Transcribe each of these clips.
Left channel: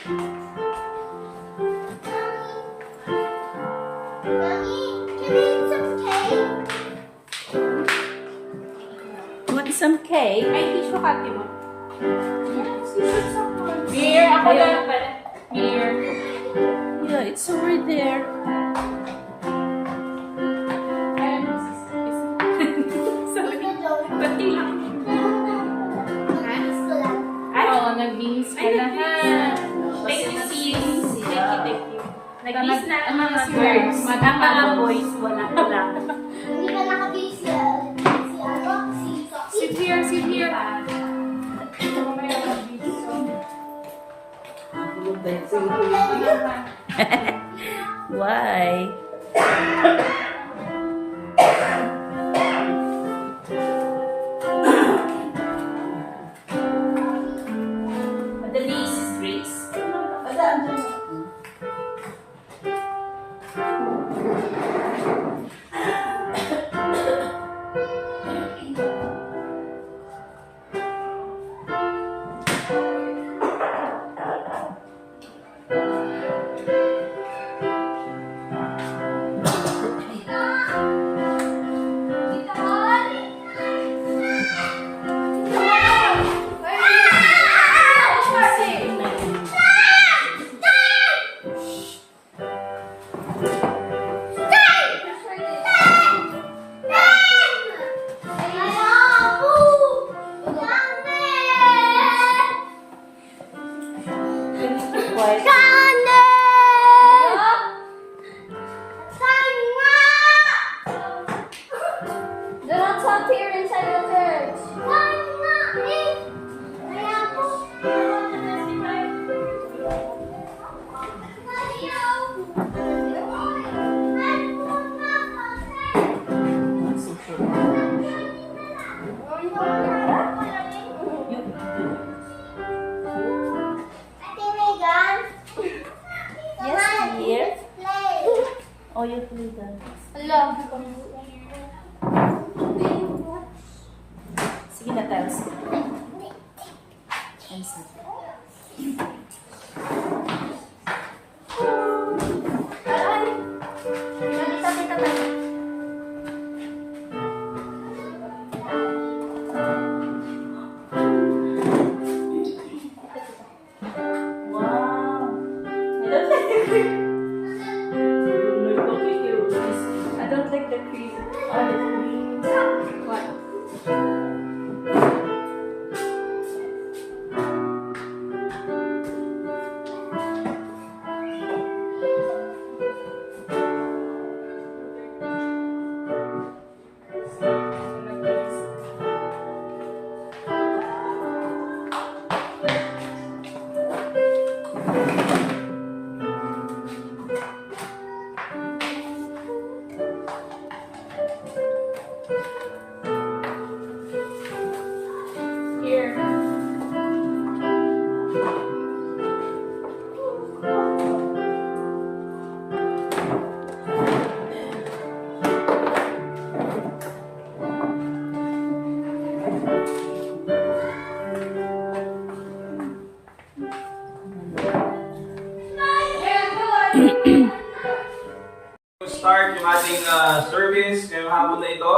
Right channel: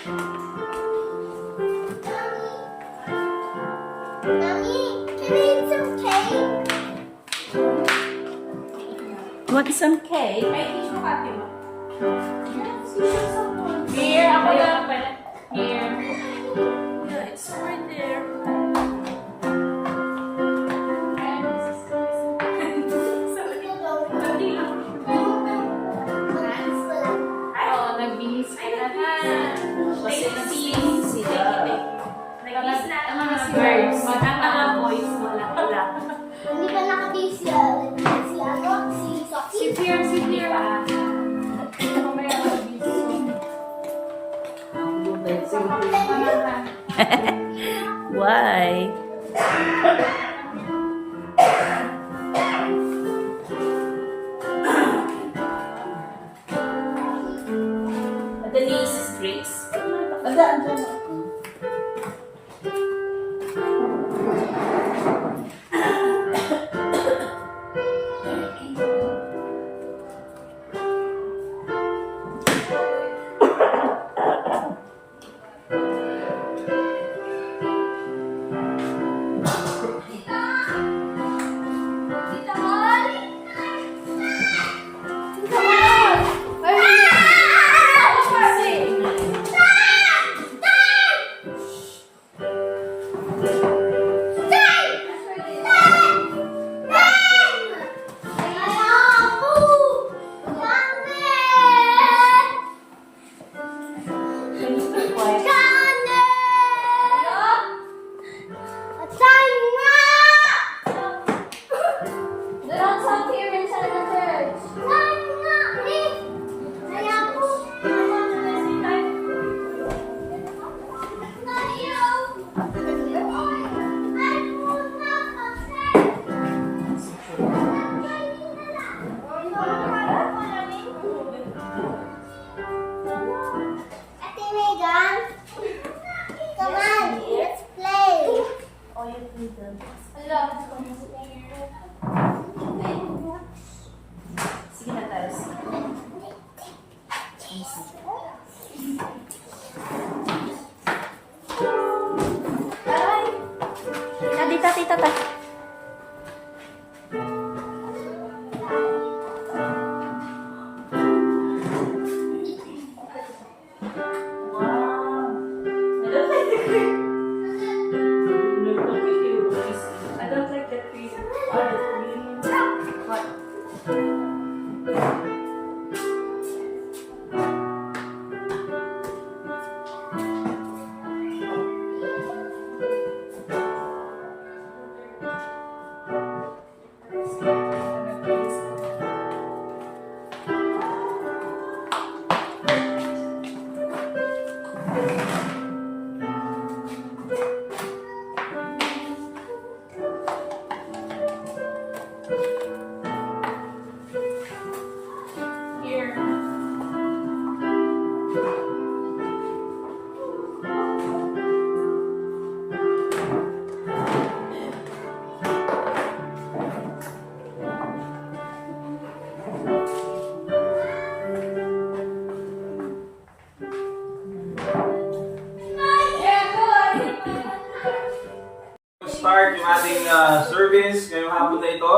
You want some cake? May tissue ka, Timo. Here, ako lang. Here. Yeah, it's over there. Ay, oo, nagbihis ka na ha. Thank you, sis. Thank you. Nagbihis na ang mga girls. Ang mga boys, wala. Hindi pa nakabisi Sit here, sit here. Why? The niece is Grace. Ate Megan, come on, Here? let's play. Oh, you play that. Sige na, Teres. Tita, tita, tita. I don't like the cream. What? Here. Start yung ating service ngayong hapon na ito.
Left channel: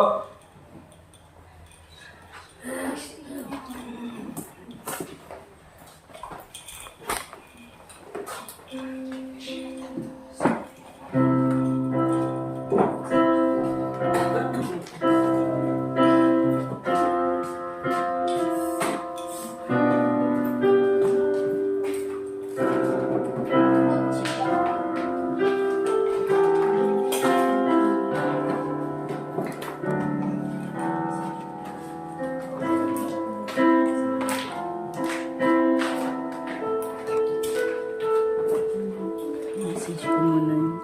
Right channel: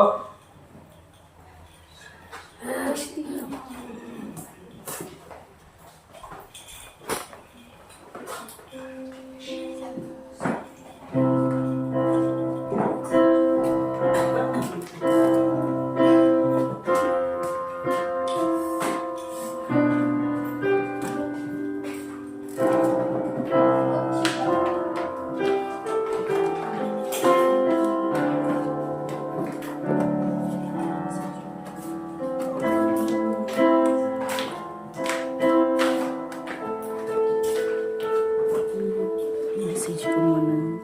Message ko muna yun.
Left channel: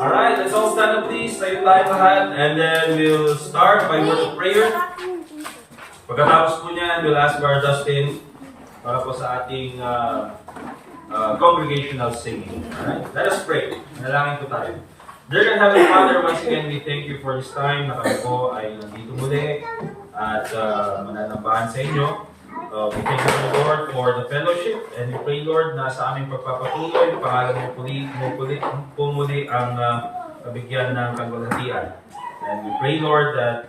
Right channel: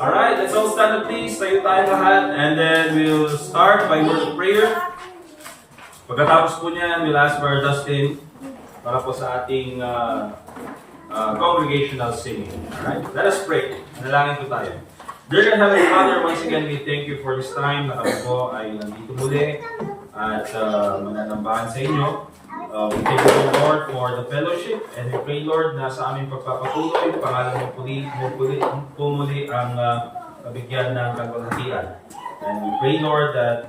Alright, let's all stand up please. Tayo tayo lahat. And then we'll start by word of prayer. Pagkatapos po niyan, we'll ask Brother Dustin para po sa ating congregational singing. Alright, let us pray. Nalangin po tayo. Dear God, Heavenly Father, once again, we thank you for this time na kami po ay nandito muli at mananambahan sa inyo. We thank you, Lord, for the fellowship, and we pray, Lord, na sa aming pagpapatuloy, pangalan mo pumuli ang kabigyan ng kaluwalhatian. And we pray, Lord, that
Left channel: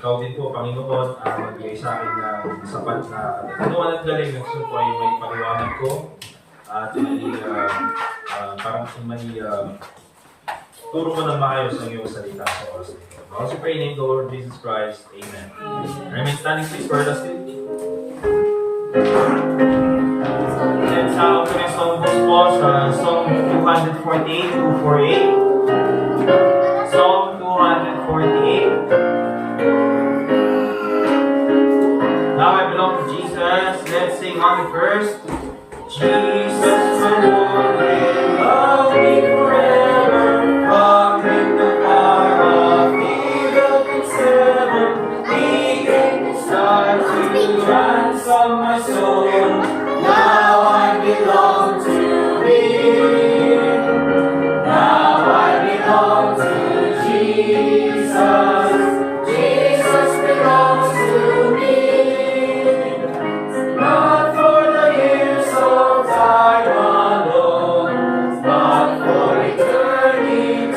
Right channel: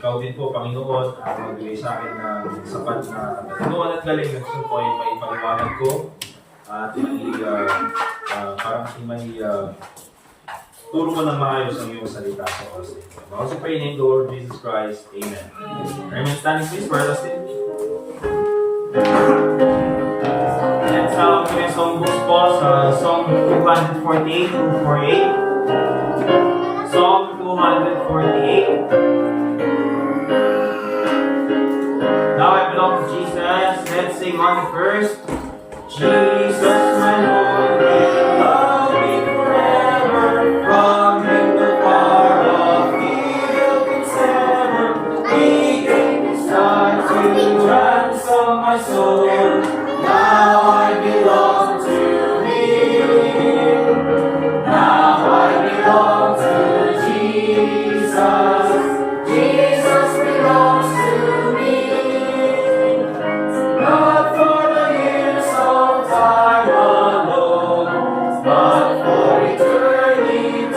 ikaw din po, Panginoon, ang magbigay sa akin ng sapat na katataluan at galing. Gusto po ay may paliwanag ko at may turo ko ng maayos ang iyong salita sa oras nito. I also pray in the Lord Jesus Christ. Amen. Remain standing, please, for us. Let's have a song po sa Song 248, 248. Song 248. Now I belong to Jesus. Let's sing on first. Jesus, my Lord, will love me forever. From him the far off evil can sever. He gave his life to ransom my soul. Now I belong to him. Now I belong to Jesus. Jesus belongs to me. Not for the years of time alone, but for eternity.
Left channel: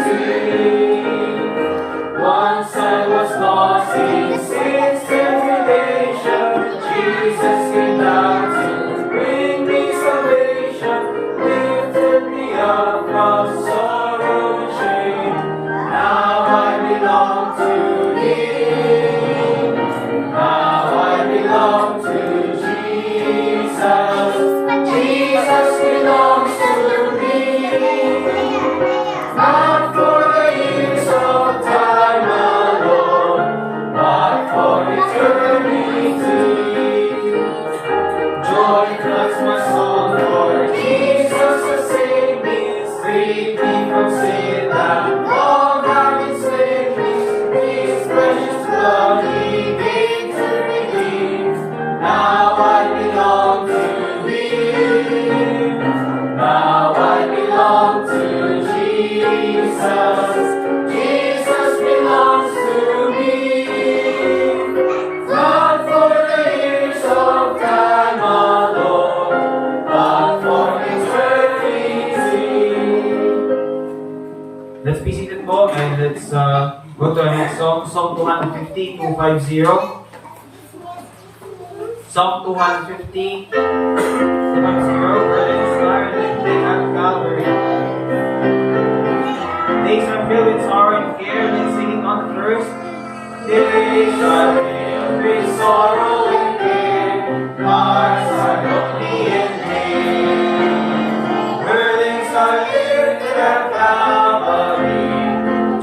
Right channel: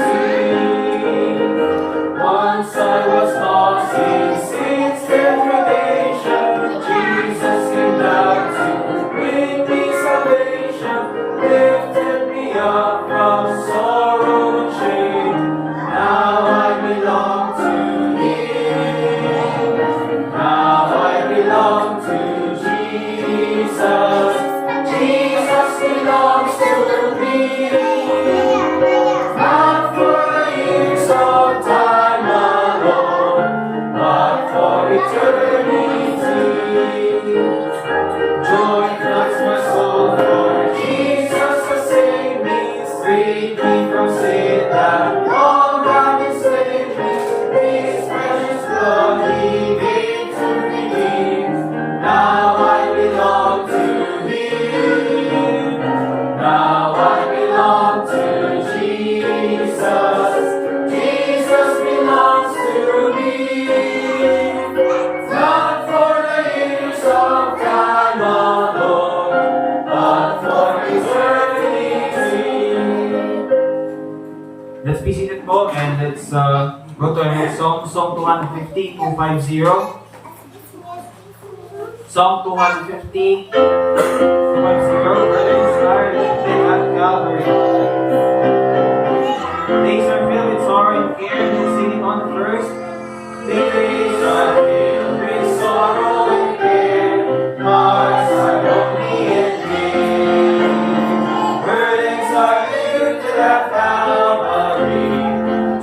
Once I was lost in sin's degradation, Jesus came down to bring me salvation, lifted me up from sorrow and shame. Now I belong to Him. Now I belong to Jesus. Jesus belongs to me. Not for the years of time alone, but for eternity. Joy floods my soul, for Jesus has saved me, freed me from sin that long had enslaved me. His precious blood He gave to redeem. Now I belong to Him. Now I belong to Jesus. Jesus belongs to me. Not for the years of time alone, but for eternity. Let's be seated po, and let's go to our next song, Song 250, 250. Song 250, 250. Let's start at Calvary. Days are filled with sorrow and care. Let's sing it on the first. Days are filled with sorrow and care. Hearts are lonely and dim. Burdens are lifted at Calvary.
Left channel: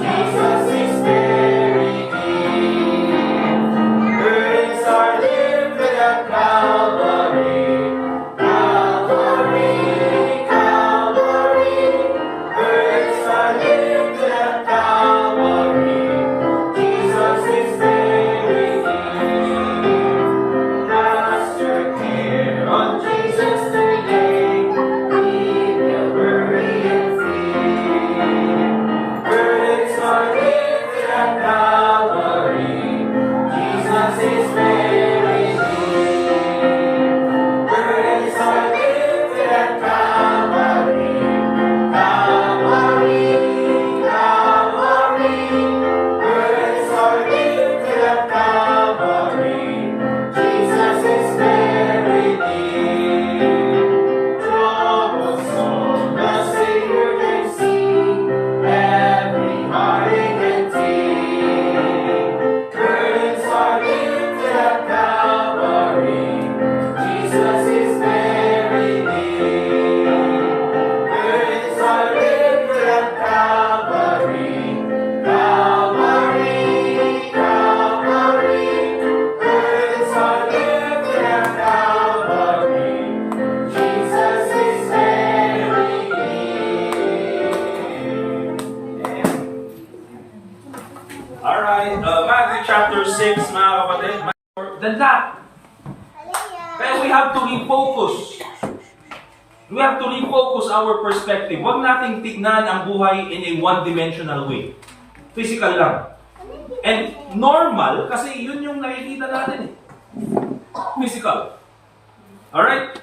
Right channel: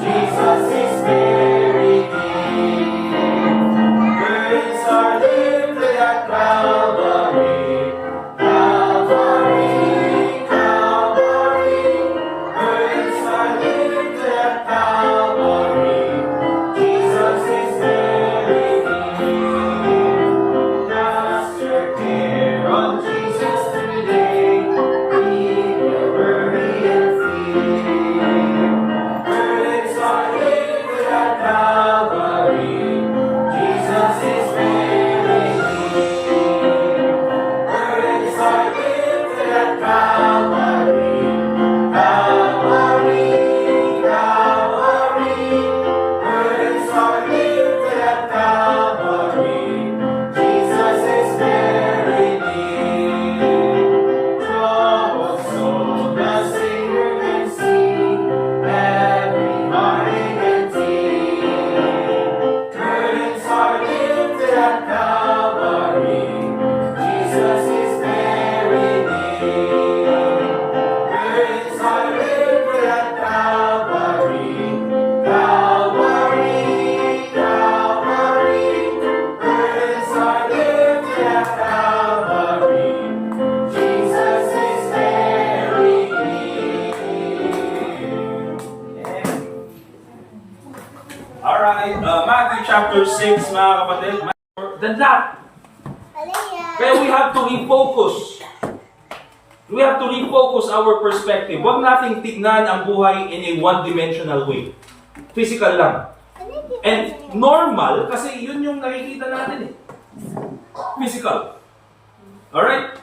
Jesus is buried deep. Burdens are lifted at Calvary. Calvary, Calvary. Burdens are lifted at Calvary. Jesus is buried deep. Master, care on Jesus today. He will bury and feed. Burdens are lifted at Calvary. Jesus is buried deep. Burdens are lifted at Calvary. Calvary, Calvary. Burdens are lifted at Calvary. Jesus is buried deep. Troubled soul, the Savior can see. Every heartache and tear. Burdens are lifted at Calvary. Jesus is buried deep. Burdens are lifted at Calvary. Calvary, Calvary. Burdens are lifted at Calvary. Jesus is buried deep. Alright, Matthew chapter 6, mga kapatid. Than that, pero we have to refocus. We have to refocus our perspective. Huwag nating tignan ang buhay in a one-dimensional way. Physical lang. And normal, kasi yun yung nakikita natin eh. physical. Alright?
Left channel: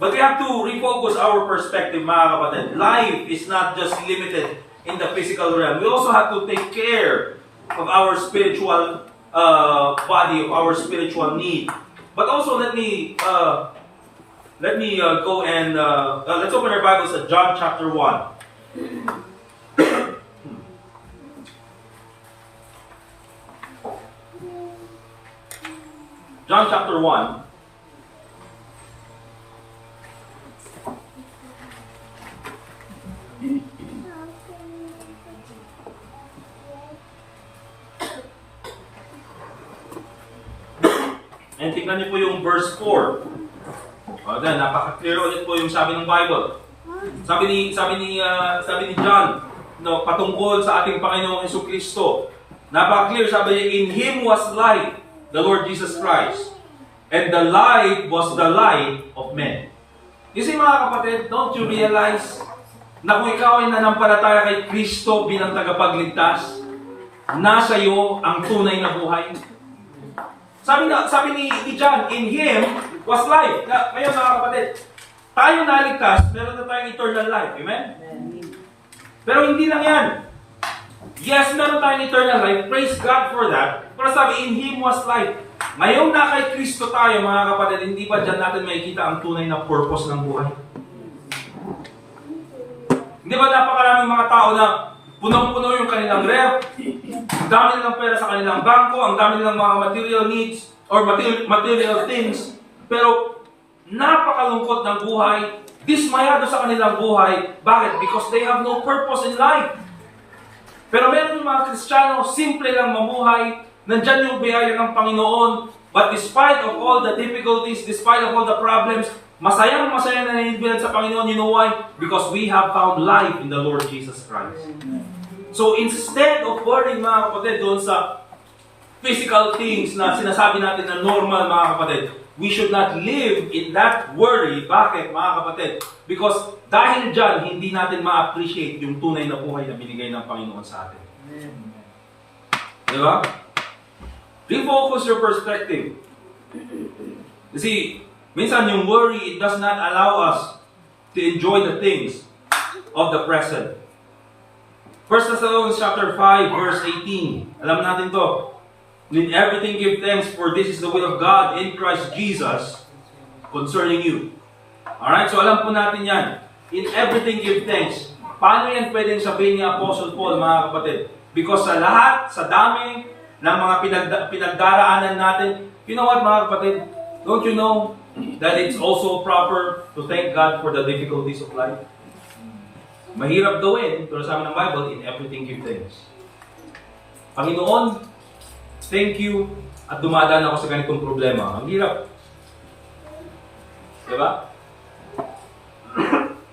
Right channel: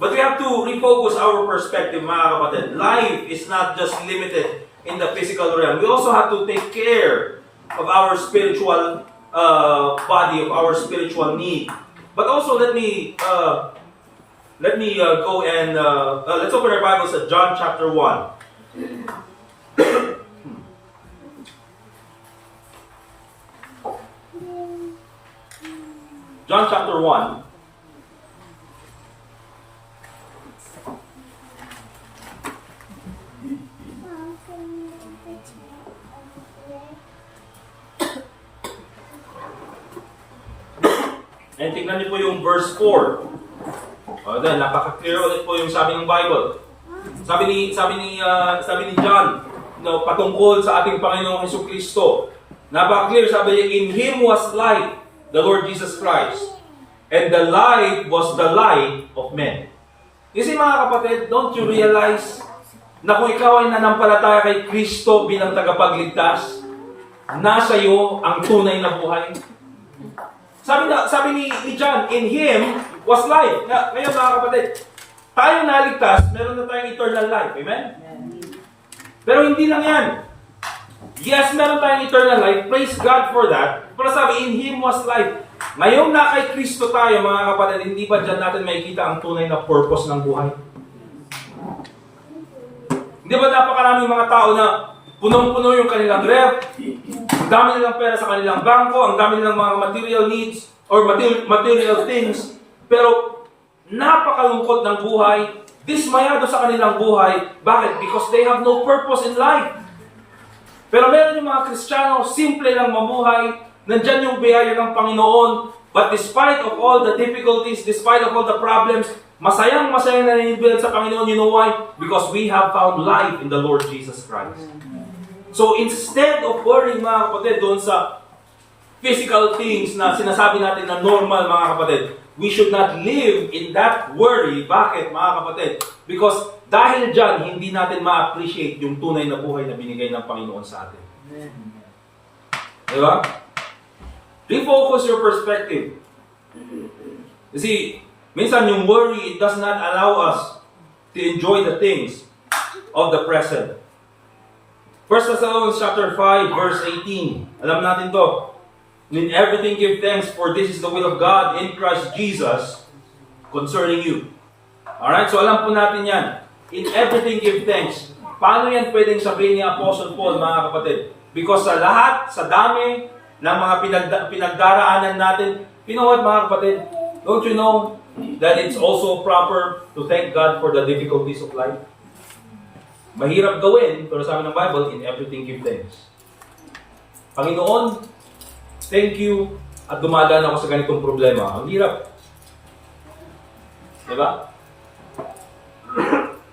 But we have to refocus our perspective, mga kapatid. Life is not just limited in the physical realm. We also have to take care of our spiritual body, of our spiritual need. But also, let me go and let's open our Bibles at John chapter 1. John chapter 1. And tingnan niyo po yung verse 4. Then, napaka-clear ulit po yung sabi ng Bible. Sabi ni John, no, patungkol sa ating Panginoong Jesucristo. Napaka-clear, sabi niya, in Him was life, the Lord Jesus Christ. And the light was the light of men. You see, mga kapatid, don't you realize na kung ikaw ay nanampalataya kay Kristo bilang tagapagligtas, nasa iyo ang tunay na buhay? Sabi ni John, in Him was life. Na, ngayon mga kapatid, tayo naligtas, meron na tayong eternal life. Amen? Pero hindi lang yan. Yes, meron tayong eternal life. Praise God for that. Pero sabi, in Him was life. Ngayong na kay Kristo tayo, mga kapatid, hindi ba dyan natin makikita ang tunay na purpose ng buhay? Hindi ba napakaraming mga tao na punong-puno yung kanilang ref, ang dami nilang pera sa kanilang bangko, ang dami nilang mga material needs or material things, pero napakalungkot ng buhay, dismayado sa kanilang buhay. Bakit? Because they have no purpose in life. Pero meron yung mga Kristiyano, simple lang mamuhay, nandyan yung biyaya ng Panginoon, but despite of all the difficulties, despite of all the problems, masayang naninibilan sa Panginoon. You know why? Because we have found life in the Lord Jesus Christ. So instead of worrying, mga kapatid, doon sa physical things na sinasabi natin na normal, mga kapatid, we should not live in that worry. Bakit, mga kapatid? Because dahil dyan, hindi natin ma-appreciate yung tunay na buhay na binigay ng Panginoon sa atin. Diba? Refocus your perspective. You see, minsan yung worry, it does not allow us to enjoy the things of the present. 1 Thessalonians chapter 5, verse 18. Alam natin to. In everything give thanks, for this is the will of God in Christ Jesus concerning you. Alright, so alam po natin yan. In everything give thanks. Paano yan pwedeng sabihin ni Apostle Paul, mga kapatid? Because sa lahat, sa dami ng mga pinagdaraanan natin, you know what, mga kapatid? Don't you know that it's also proper to thank God for the difficulties of life? Mahirap gawin, pero sabi ng Bible, in everything give thanks. Panginoon, thank you at dumadaan ako sa ganitong problema. Ang hirap. Diba?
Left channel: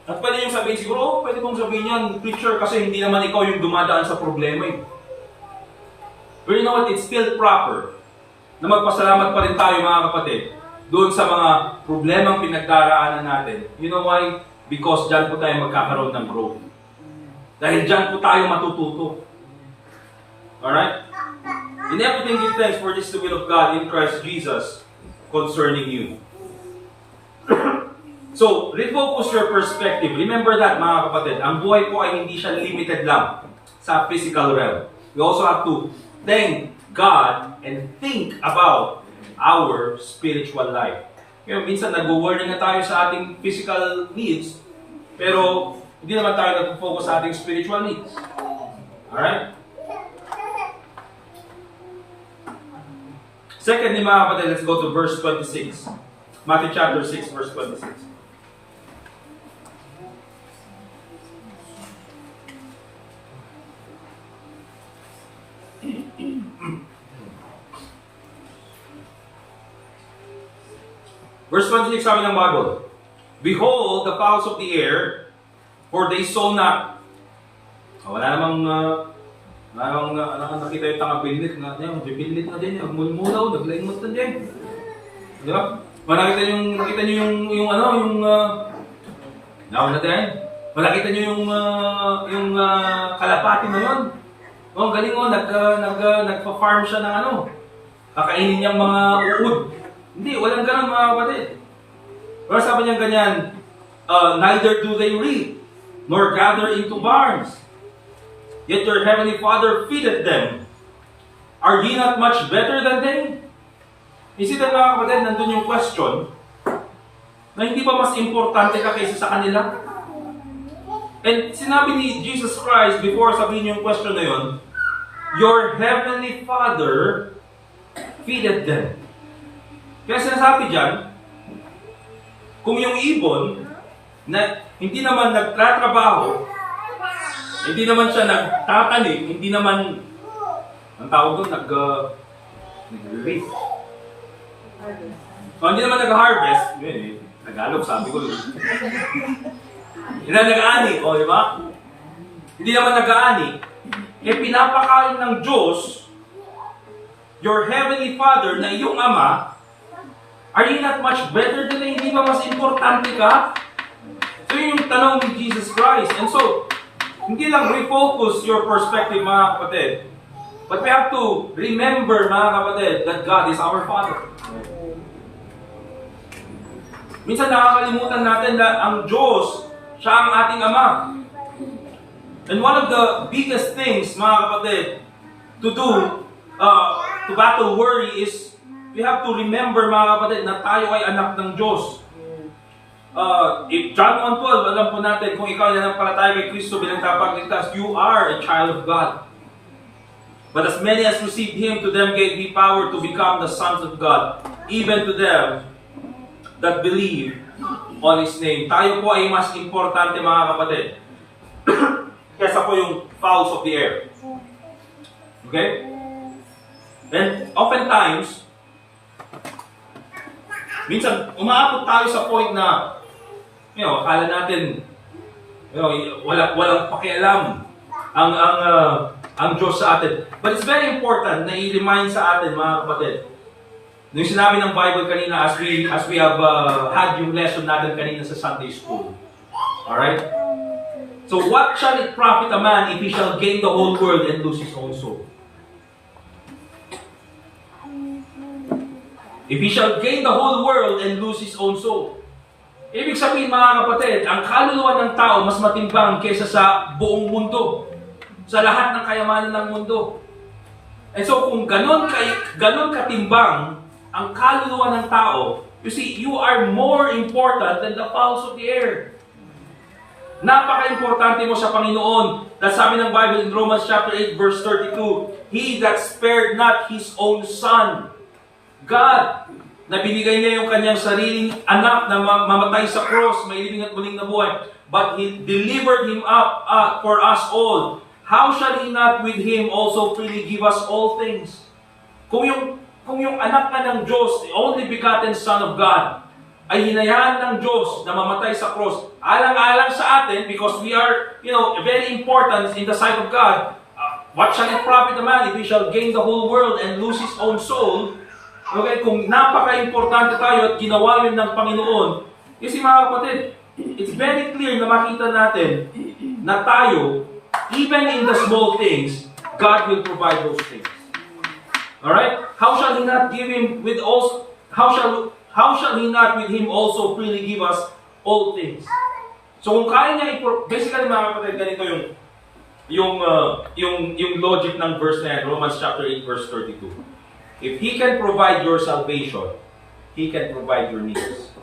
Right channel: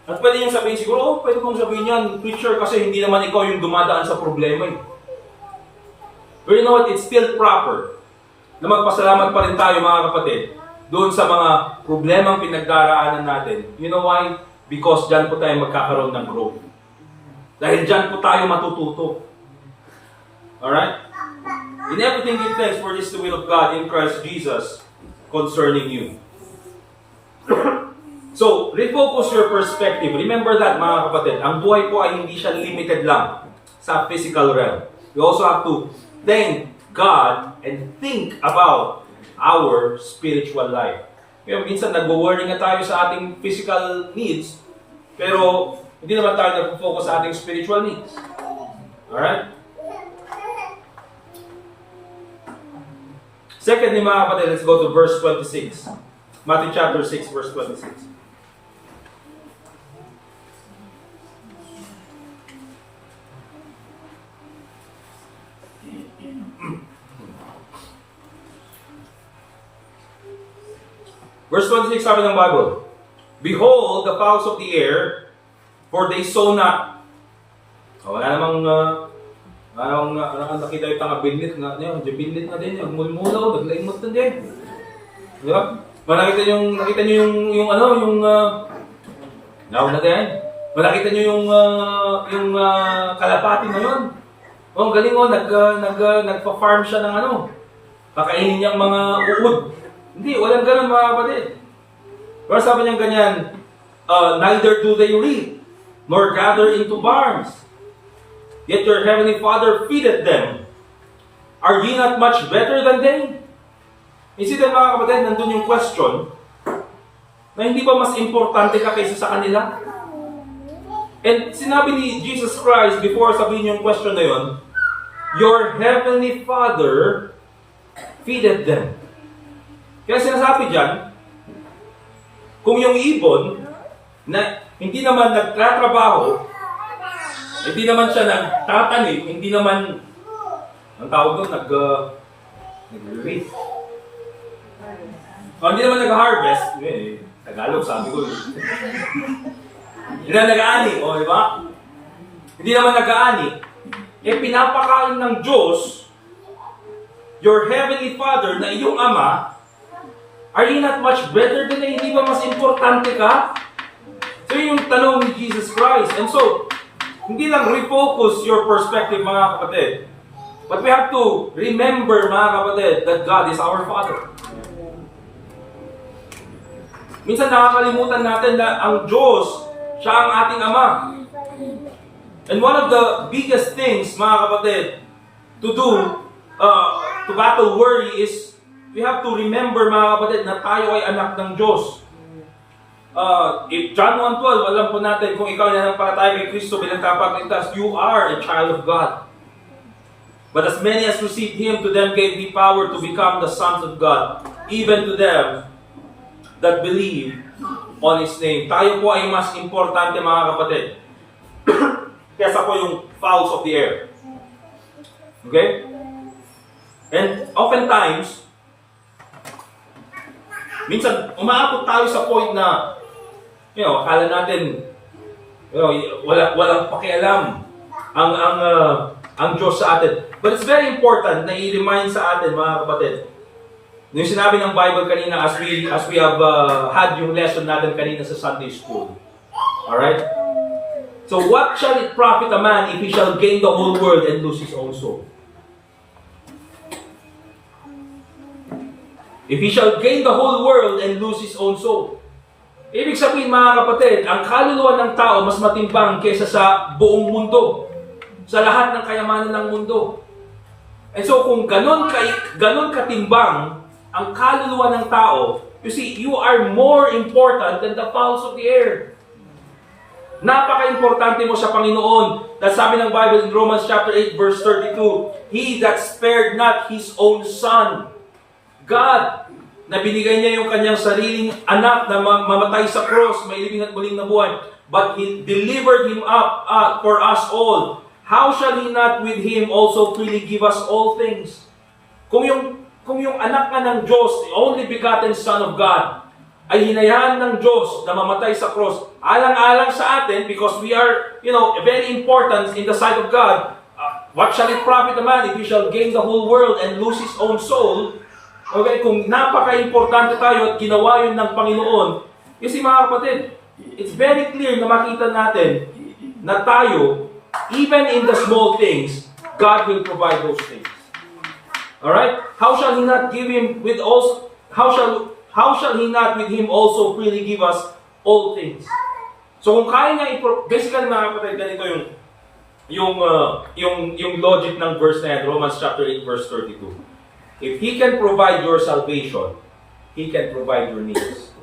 At pwede niyong sabihin siguro, pwede mong sabihin yan, preacher, kasi hindi naman ikaw yung dumadaan sa problema eh. But you know what? It's still proper na magpasalamat pa rin tayo, mga kapatid, doon sa mga problemang pinagdaraanan natin. You know why? Because dyan po tayo magkakaroon ng growth. Dahil dyan po tayo matututo. Alright? In everything give thanks, for this is the will of God in Christ Jesus concerning you. So, refocus your perspective. Remember that, mga kapatid, ang buhay po ay hindi siya limited lang sa physical realm. We also have to thank God and think about our spiritual life. Kaya minsan nag-worry na tayo sa ating physical needs, pero hindi naman tayo nag-focus sa ating spiritual needs. Alright? Secondly, mga kapatid, let's go to verse 26. Matthew chapter 6, verse 26. Verse 26, sabi ng Bible, behold the fowls of the air, for they sow not. Wala namang nakita yung tanga-binlit nga niya, binlit nga din, nagmulmulaw, naglaimot na din. Di ba? Nakita niyo yung kalapati naman. Oh, galing oh, nagpa-farm siya ng kakainin niyang mga uod. Hindi, walang ganun mga kapatid. Pero sabi niya ganyan, neither do they reap, nor gather into barns. Yet your heavenly Father feedeth them. Are ye not much better than they? You see that mga kapatid, nandun yung question, na hindi ba mas importante ka kaysa sa kanila? And sinabi ni Jesus Christ, before sabihin yung question na yun, your heavenly Father feedeth them. Kaya sinasabi dyan, kung yung ibon na hindi naman nagtatrabaho, hindi naman siya nagtatanim, hindi naman, ang tawag doon, nag-reap. Hindi naman nag-harvest, Tagalog, sabi ko. Hindi naman nag-aani, di ba? Hindi naman nag-aani. Pinapakain ng Diyos, your heavenly Father, na iyong Ama, are you not much better than they? Hindi ba mas importante ka? So yung tanong ni Jesus Christ. And so, hindi lang refocus your perspective mga kapatid. But we have to remember mga kapatid that God is our Father. Minsan nakakalimutan natin na ang Diyos, siya ang ating Ama. And one of the biggest things mga kapatid to do, to battle worry is we have to remember mga kapatid na tayo ay anak ng Diyos. If John 1:12, alam po natin kung ikaw ay nanampalataya kay Kristo bilang tagapagligtas, you are a child of God. But as many as received Him, to them gave He power to become the sons of God, even to them that believe on His name. Tayo po ay mas importante mga kapatid kesa po yung fowls of the air. Okay? And oftentimes, minsan umaabot tayo sa point na akala natin walang pakialam ang Diyos sa atin. But it's very important na i-remind sa atin mga kapatid. Yung sinabi ng Bible kanina as we have had yung lesson natin kanina sa Sunday school. Alright? So what shall it profit a man if he shall gain the whole world and lose his own soul? If he shall gain the whole world and lose his own soul. Ibig sabihin mga kapatid, ang kaluluwa ng tao mas matimbang kaysa sa buong mundo. Sa lahat ng kayamanan ng mundo. And so kung ganon katimbang ang kaluluwa ng tao, you see, you are more important than the fowls of the air. Napaka-importante mo sa Panginoon. Dahil sabi ng Bible in Romans chapter 8 verse 32, He that spared not His own Son. God, na binigay niya yung kanyang sariling anak na mamatay sa cross, may living at muling nabuhay, but He delivered Him up for us all. How shall He not with Him also freely give us all things? Kung yung anak nga ng Diyos, the only begotten Son of God, ay hinayaan ng Diyos na mamatay sa cross, alang-alang sa atin, because we are, very important in the sight of God, what shall it profit a man if he shall gain the whole world and lose his own soul? Okay, kung napaka-importante tayo at ginawa yun ng Panginoon, kasi mga kapatid, it's very clear na makita natin na tayo, even in the small things, God will provide those things. Alright? How shall He not give Him with also? How shall He not with Him also freely give us all things? So kung kaya niya basically mga kapatid, ganito yung logic ng verse na yan, Romans chapter 8 verse 32. If He can provide your salvation, He can provide your needs.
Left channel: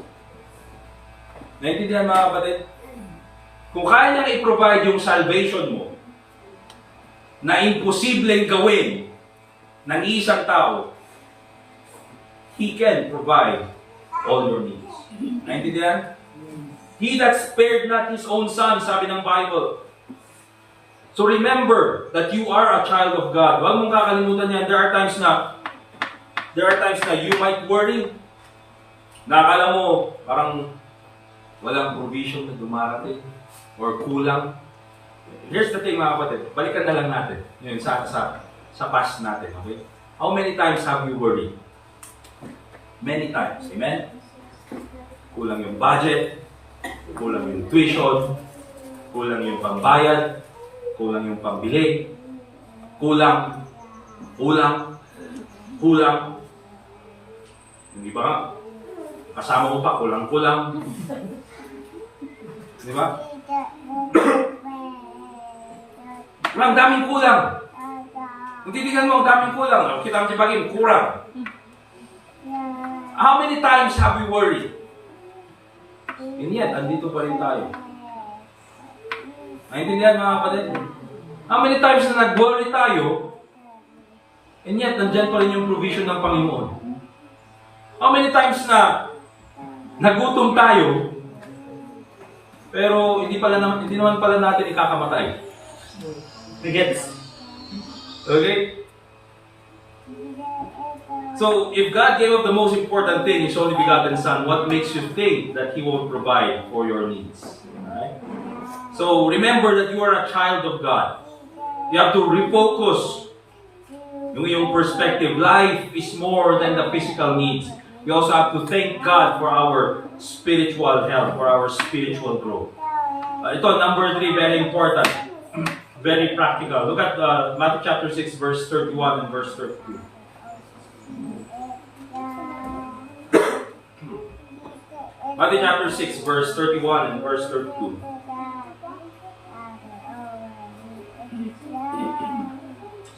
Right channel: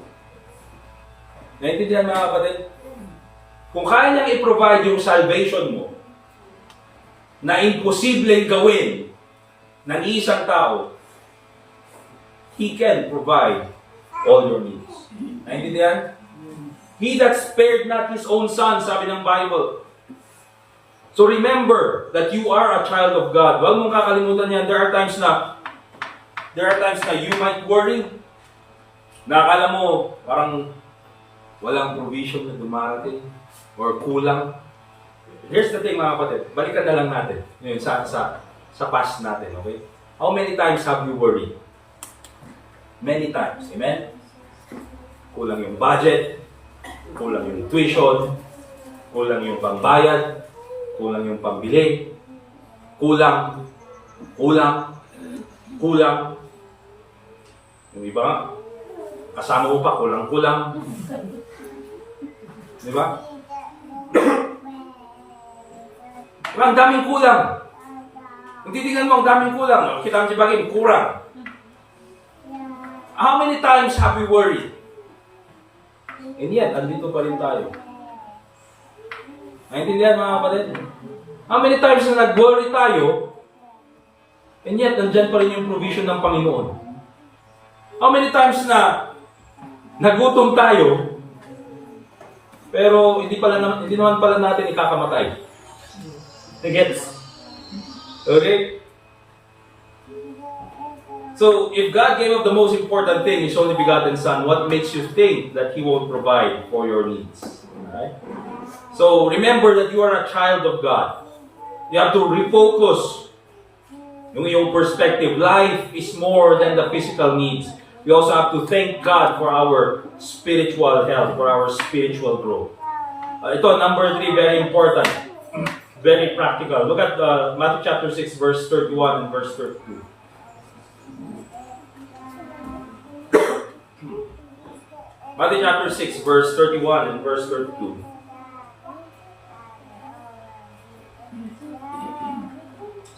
Naintindihan mga kapatid? Kung kaya niyang i-provide yung salvation mo, na imposibleng gawin ng isang tao, He can provide all your needs. Naintindihan? He that spared not His own Son, sabi ng Bible. So remember that you are a child of God. Huwag mong kakalimutan yan. There are times na you might worry. Nakakala mo, parang walang provision na dumarating or kulang. Here's the thing mga kapatid, balikan na lang natin yun, sa past natin, okay? How many times have you worried? Many times, amen? Kulang yung budget, kulang yung tuition, kulang yung pambayad, kulang yung pambili, kulang. Yung iba nga, kasama mo pa, kulang-kulang. Di ba? Ang daming kulang. Kung titignan mo, ang daming kulang. Kita ang sibagin, kurang. How many times have we worried? And yet, andito pa rin tayo. Naintindihan mga kapatid? How many times na nag-worry tayo, and yet, nandyan pa rin yung provision ng Panginoon? How many times na nagutom tayo, pero hindi naman pala natin ikakamatay? Gets? Okay? So, if God gave up the most important thing, His only begotten Son, what makes you think that He won't provide for your needs? Alright? So, remember that you are a child of God. You have to refocus yung perspective. Life is more than the physical needs. We also have to thank God for our spiritual health, for our spiritual growth. Ito, number 3, very important. Very practical. Look at Matthew chapter 6, verse 31 and verse 32. Matthew chapter 6, verse 31 and verse 32.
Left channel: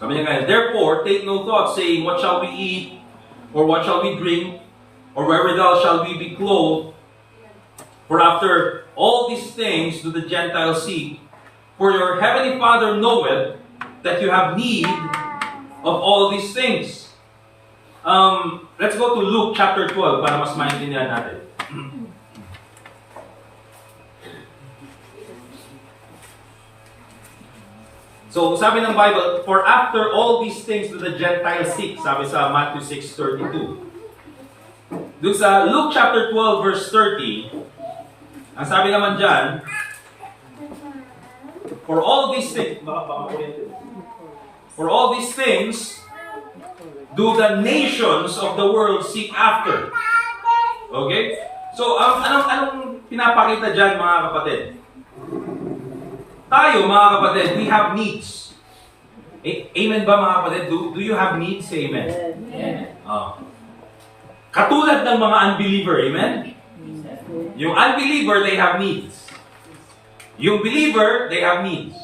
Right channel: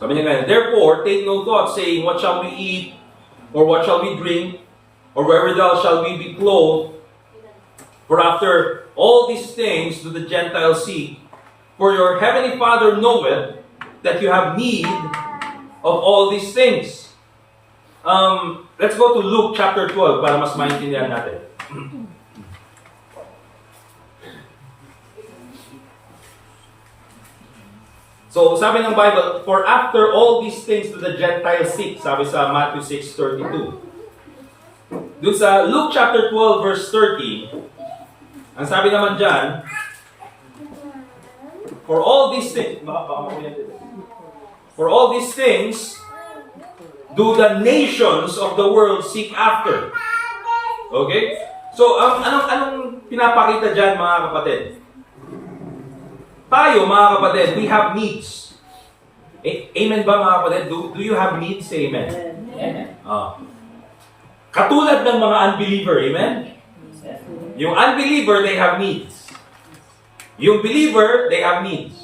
Sabi niya ngayon, therefore, take no thought, saying, what shall we eat, or what shall we drink, or wherewithal shall we be clothed? For after all these things do the Gentiles seek. For your heavenly Father knoweth that you have need of all these things. Let's go to Luke chapter 12 para mas maintindihan natin. So, sabi ng Bible, for after all these things do the Gentiles seek, sabi sa Matthew 6:32. Doon sa Luke chapter 12 verse 30, ang sabi naman dyan, for all these things do the nations of the world seek after. Okay? So, anong pinapakita dyan mga kapatid? Tayo, mga kapatid, we have needs. Amen ba, mga kapatid? Do you have needs? Amen. Katulad ng mga unbeliever, amen? Yung unbeliever, they have needs. Yung believer, they have needs.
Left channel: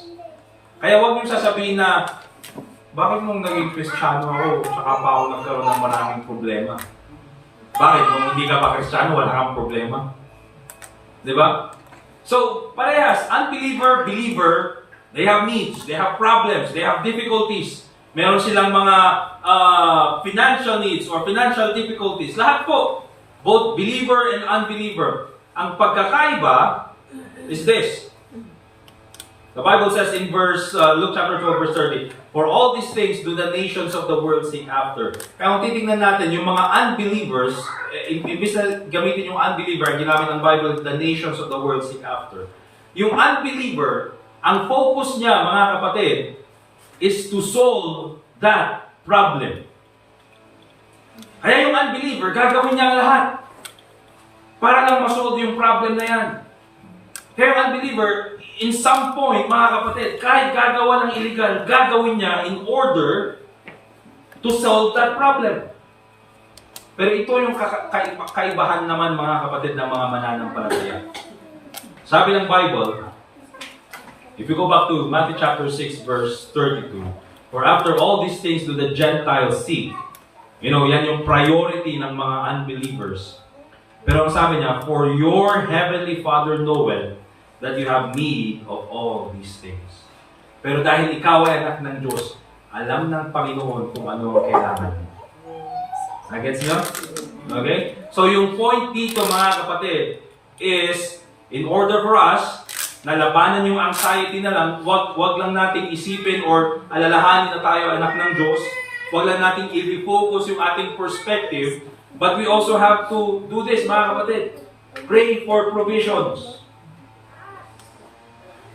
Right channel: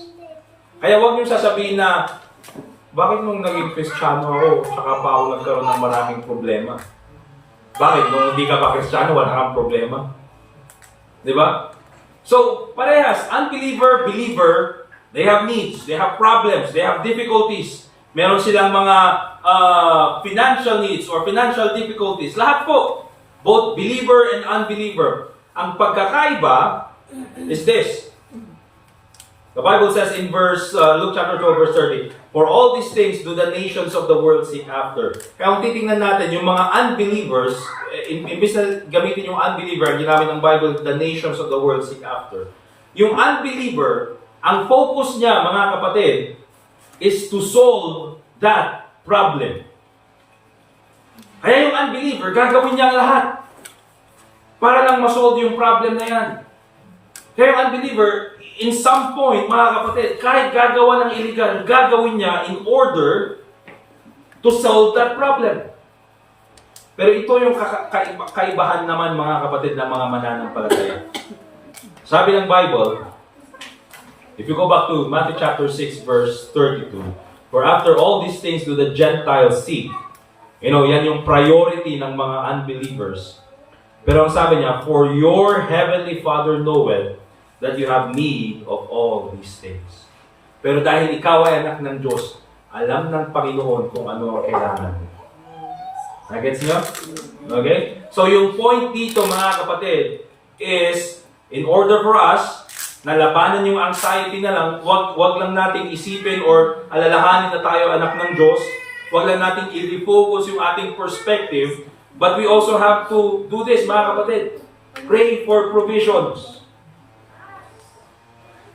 Kaya huwag niyong sasabihin na, bakit nung naging Kristiyano ako, saka pa ako nagkaroon ng maraming problema? Bakit? Nung hindi ka pa Kristiyano, wala kang problema? Diba? So, parehas, unbeliever, believer, they have needs, they have problems, they have difficulties. Meron silang mga financial needs or financial difficulties. Lahat po, both believer and unbeliever. Ang pagkakaiba is this. The Bible says in Luke chapter 12, verse 30, for all these things do the nations of the world seek after. Kaya kung titingnan natin, yung mga unbelievers, imbis na gamitin yung unbeliever, ginamit ng Bible, the nations of the world seek after. Yung unbeliever, ang focus niya, mga kapatid, is to solve that problem. Kaya yung unbeliever, gagawin niya ang lahat para lang masolve yung problem na yan. Kaya yung unbeliever, in some point, mga kapatid, kahit gagawa ng illegal, gagawin niya in order to solve that problem. Pero ito yung kaibahan naman, mga kapatid, ng mga mananampalataya. Sabi ng Bible, if you go back to Matthew chapter 6, verse 32, for after all these things do the Gentiles seek. Yan yung priority ng mga unbelievers. Pero ang sabi niya, for your heavenly Father knoweth that you have need of all these things. Pero dahil ikaw ay anak ng Diyos, alam ng Panginoon kung ano ang kailangan mo. Nagets niyo? Okay? So yung point dito, mga kapatid, is in order for us na labanan yung anxiety na lang, wag lang nating isipin or alalahanin na tayo anak ng Diyos. Wag lang nating i-refocus yung ating perspective. But we also have to do this, mga kapatid. Pray for provisions.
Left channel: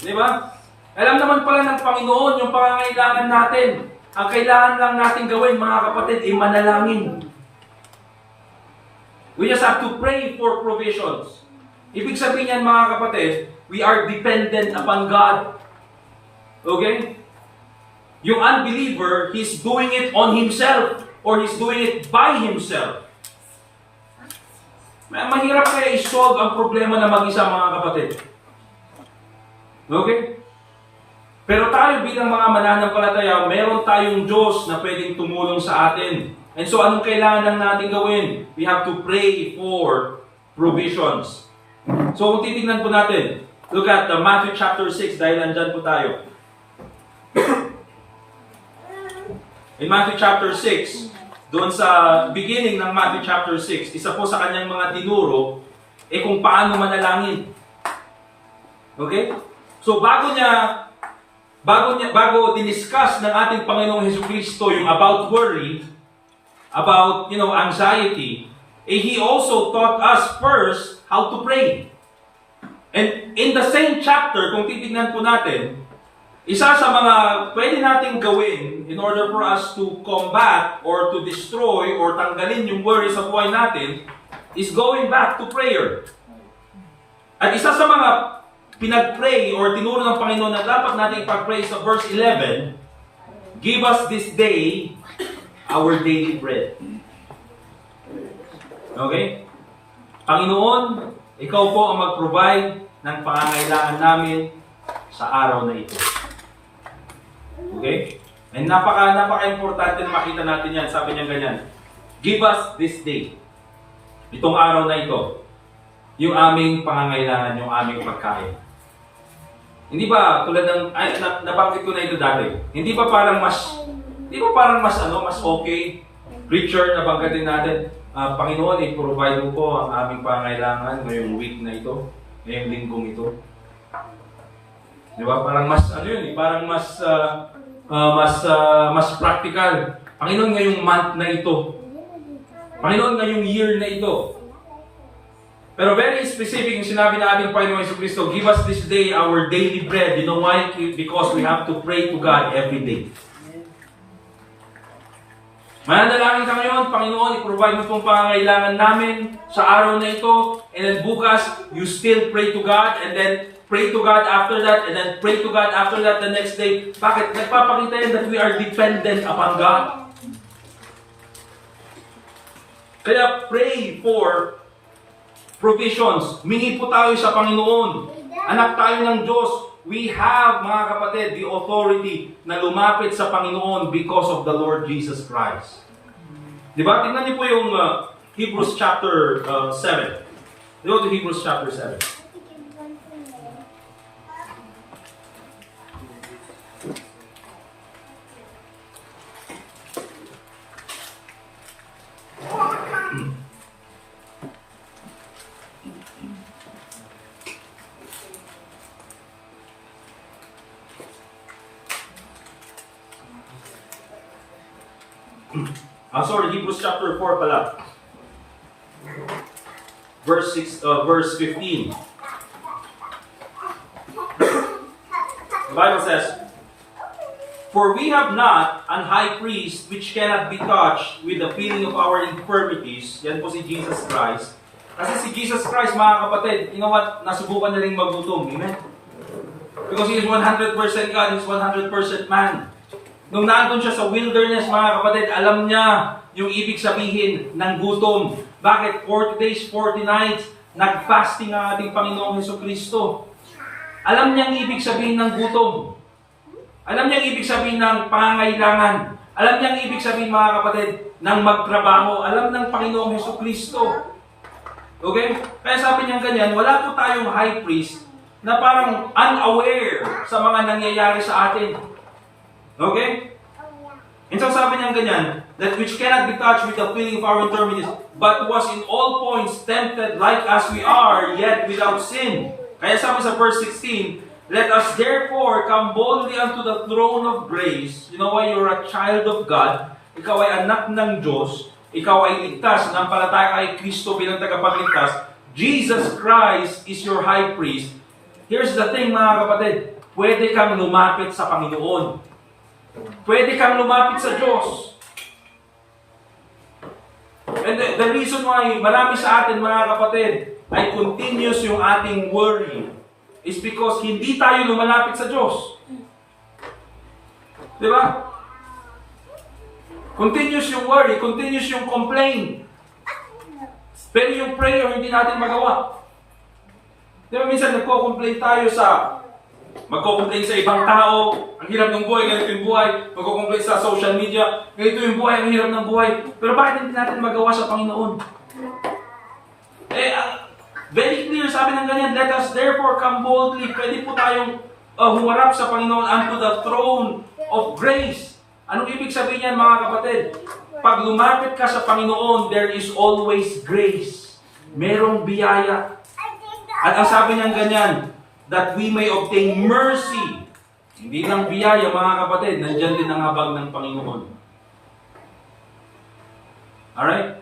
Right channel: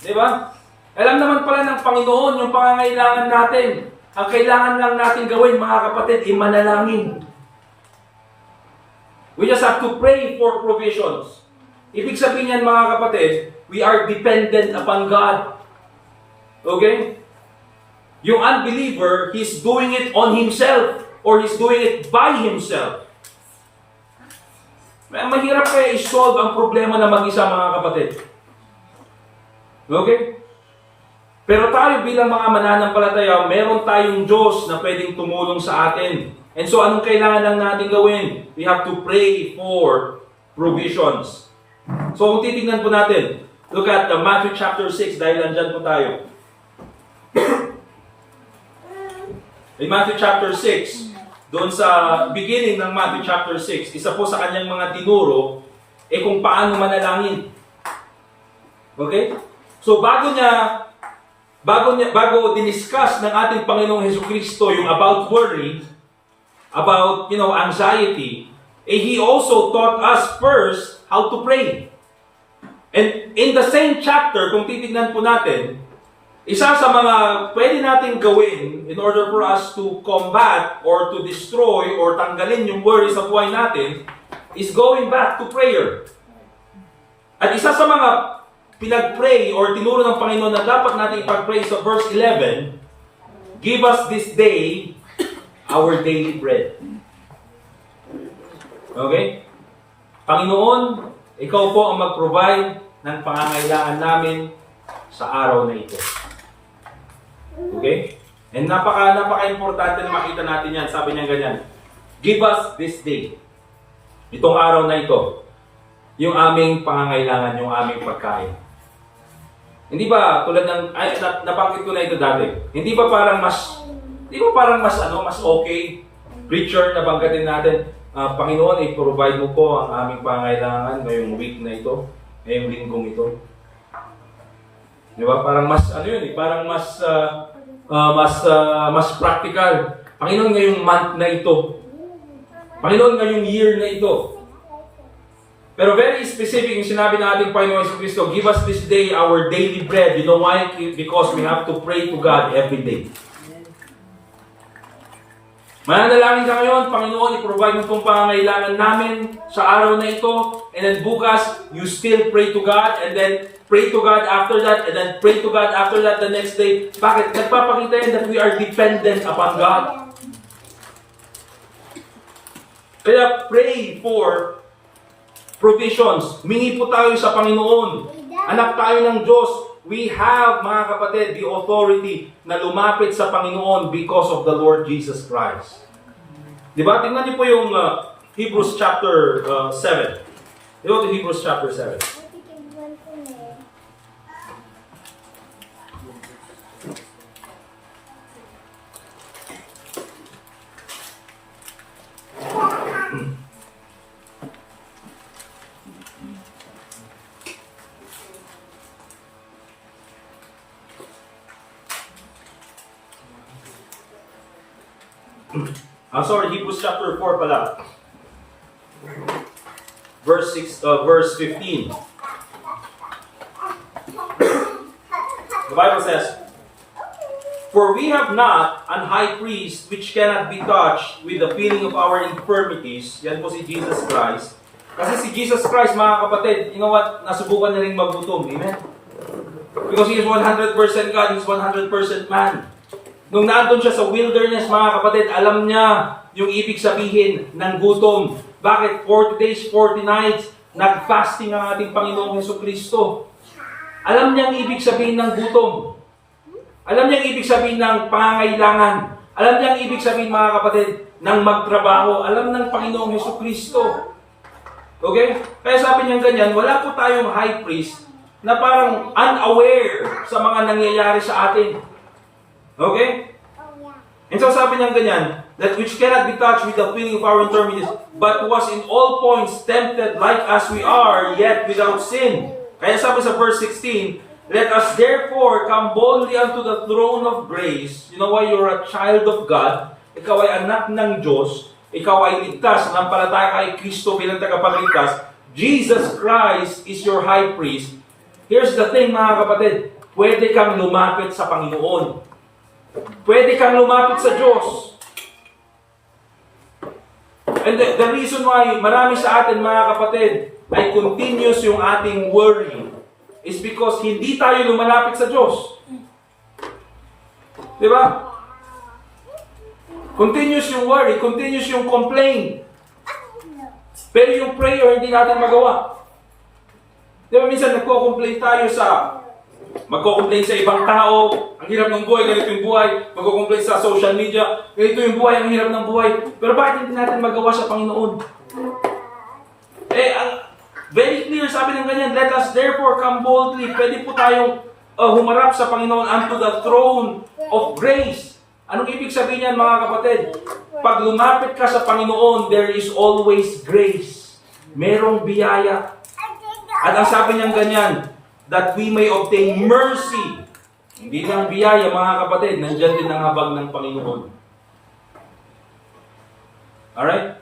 Di ba? Alam naman pala ng Panginoon yung pangangailangan natin. Ang kailangan lang natin gawin, mga kapatid, ay manalangin. We just have to pray for provisions. Ibig sabihin yan, mga kapatid, we are dependent upon God. Okay? Yung unbeliever, he's doing it on himself or he's doing it by himself. Mahirap kaya i-solve ang problema na mag-isa, mga kapatid. Okay? Pero tayo bilang mga mananampalataya, meron tayong Diyos na pwedeng tumulong sa atin. And so, anong kailangan lang natin gawin? We have to pray for provisions. So, kung titignan po natin, look at Matthew chapter 6, dahil nandyan po tayo. In Matthew chapter 6, doon sa beginning ng Matthew chapter 6, isa po sa kanyang mga tinuro, kung paano manalangin. Okay? So, bago diniscuss ng ating Panginoong Hesukristo yung about worry, about, anxiety, He also taught us first how to pray. And in the same chapter, kung titignan po natin, isa sa mga pwede nating gawin in order for us to combat or to destroy or tanggalin yung worry sa buhay natin is going back to prayer. At isa sa mga pinag-pray or tinuro ng Panginoon na dapat natin ipag-pray sa verse 11, give us this day our daily bread. Okay? Panginoon, ikaw po ang mag-provide ng pangangailangan namin sa araw na ito. Okay? And napaka-importante na makita natin yan. Sabi niya ganyan, give us this day. Itong araw na ito. Yung aming pangangailangan, yung aming pagkain. Hindi ba, tulad ng, nabanggit ko na ito dati, hindi ba parang mas okay, preacher, nabanggatin natin, Panginoon, i-provide mo po ang aming pangangailangan ngayong week na ito, ngayong linggong ito. Di ba? Parang mas practical. Panginoon, ngayong month na ito. Panginoon, ngayong year na ito. Pero very specific yung sinabi ng ating Panginoon Jesucristo, give us this day our daily bread. You know why? Because we have to pray to God every day. Mananalangin ka ngayon, Panginoon, i-provide mo pong pangangailangan namin sa araw na ito. And then bukas, you still pray to God. And then pray to God after that. And then pray to God after that the next day. Bakit? Nagpapakita yan that we are dependent upon God. Kaya pray for provisions. Mingi po tayo sa Panginoon. Anak tayo ng Diyos. We have, mga kapatid, the authority na lumapit sa Panginoon because of the Lord Jesus Christ. Diba? Tingnan niyo po yung Hebrews chapter 7. Go to Hebrews chapter 7. Hebrews chapter 4 pala. Verse 15. The Bible says, for we have not an high priest which cannot be touched with the feeling of our infirmities. Yan po si Jesus Christ. Kasi si Jesus Christ, mga kapatid, you know what? Nasubukan niya rin magutom. Amen? Because He is 100% God, He is 100% man. Nung nandun siya sa wilderness, mga kapatid, alam niya yung ibig sabihin ng gutom. Bakit? 40 days, 40 nights, nag-fasting ang ating Panginoong Jesucristo. Alam niya ang ibig sabihin ng gutom. Alam niya ang ibig sabihin ng pangangailangan. Alam niya ang ibig sabihin, mga kapatid, ng magtrabaho. Alam ng Panginoong Jesucristo. Okay? Kaya sabi niya ganyan, wala po tayong high priest na parang unaware sa mga nangyayari sa atin. Okay? And so sabi niya ganyan, that which cannot be touched with the feeling of our infirmities, but was in all points tempted like as we are, yet without sin. Kaya sabi sa verse 16, let us therefore come boldly unto the throne of grace. You know why you're a child of God? Ikaw ay anak ng Diyos. Ikaw ay ligtas, nampalataya kay Kristo bilang tagapagligtas. Jesus Christ is your high priest. Here's the thing, mga kapatid. Pwede kang lumapit sa Panginoon. Pwede kang lumapit sa Diyos. And the reason why marami sa atin, mga kapatid, ay continuous yung ating worry is because hindi tayo lumalapit sa Diyos. Di ba? Continuous yung worry, continuous yung complaint. Pero yung prayer, hindi natin magawa. Di ba minsan nagko-complain tayo magko-complain sa ibang tao, ang hirap ng buhay, ganito yung buhay, magko-complain sa social media, ganito yung buhay, ang hirap ng buhay. Pero bakit hindi natin magawa sa Panginoon? Very clear, sabi ng ganyan, let us therefore come boldly. Pwede po tayong humarap sa Panginoon unto the throne of grace. Anong ibig sabihin yan, mga kapatid? Pag lumapit ka sa Panginoon, there is always grace. Merong biyaya. At ang sabi niyang ganyan, that we may obtain mercy. Hindi lang biyaya, mga kapatid, nandyan din ang habag ng Panginoon. Alright?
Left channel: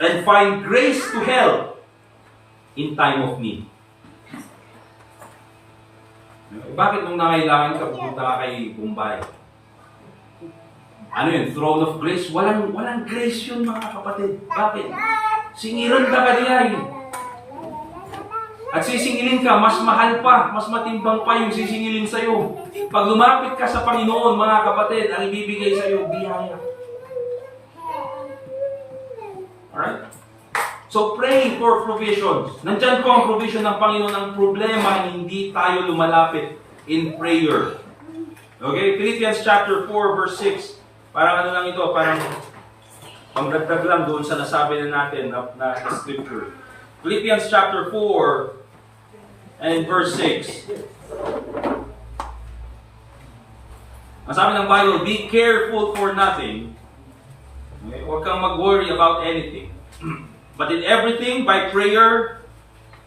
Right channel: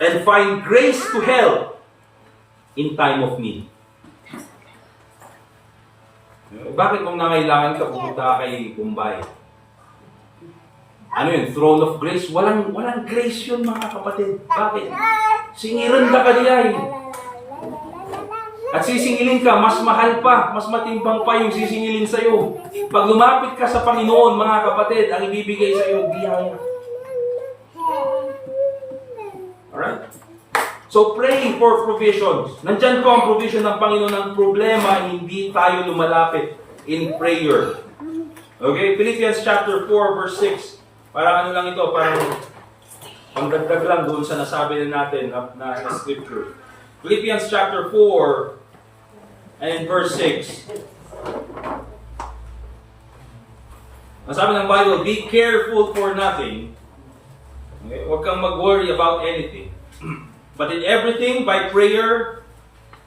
And find grace to help in time of need. Bakit nung nangailangan ka, pupunta ka kay Bombay? Ano yun? Throne of grace? Walang grace yun, mga kapatid. Bakit? Singiran ka diyan. At sisingilin ka, mas mahal pa, mas matimbang pa yung sisingilin sa'yo. Pag lumapit ka sa Panginoon, mga kapatid, ang ibibigay sa'yo, biyaya. Alright? So pray for provisions. Nandyan po ang provision ng Panginoon. Ang problema, hindi tayo lumalapit in prayer. Okay? Philippians chapter 4 verse 6. Parang ano lang ito, parang pangdagdag lang doon sa nasabi na natin na scripture. Philippians chapter 4 and verse 6. Ang sabi ng Bible, be careful for nothing. Okay? Huwag kang mag-worry about anything. But in everything, by prayer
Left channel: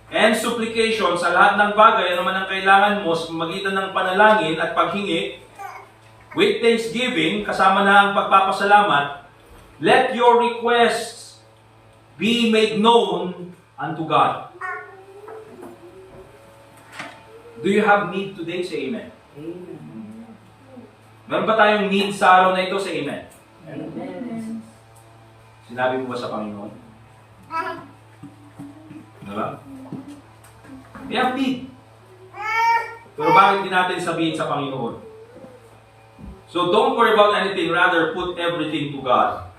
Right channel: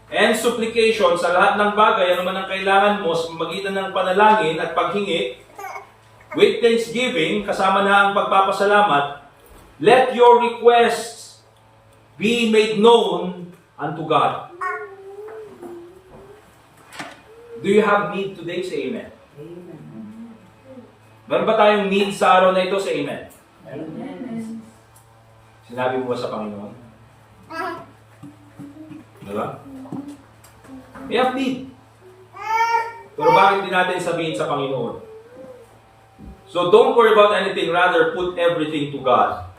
and supplication, sa lahat ng bagay, ano man ang kailangan mo, sa magitan ng panalangin at paghingi, with thanksgiving, kasama na ang pagpapasalamat, let your requests be made known unto God. Do you have need today? Say amen. Amen. Meron ba tayong need sa araw na ito? Say amen. Amen. Sinabi mo ba sa Panginoon? Diba? We have need. Pero bakit din natin sabihin sa Panginoon? So don't worry about anything. Rather, put everything to God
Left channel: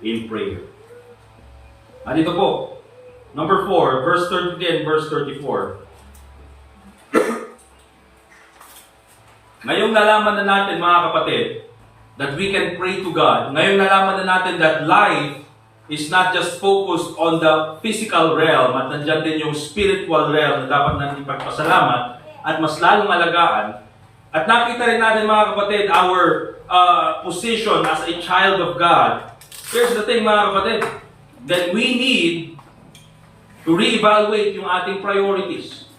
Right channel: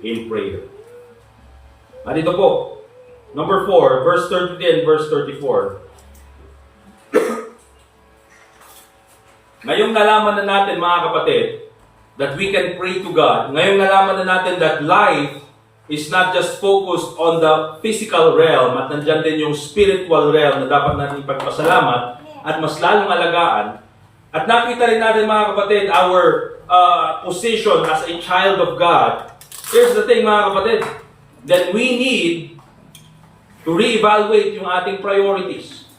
in prayer. At ito po, number 4, verse 30 and verse 34. Ngayong nalaman na natin, mga kapatid, that we can pray to God. Ngayong nalaman na natin that life is not just focused on the physical realm at nandyan din yung spiritual realm na dapat natin ipagpasalamat at mas lalong alagaan. At nakita rin natin, mga kapatid, our position as a child of God. Here's the thing, mga kapatid, that we need to reevaluate yung ating priorities.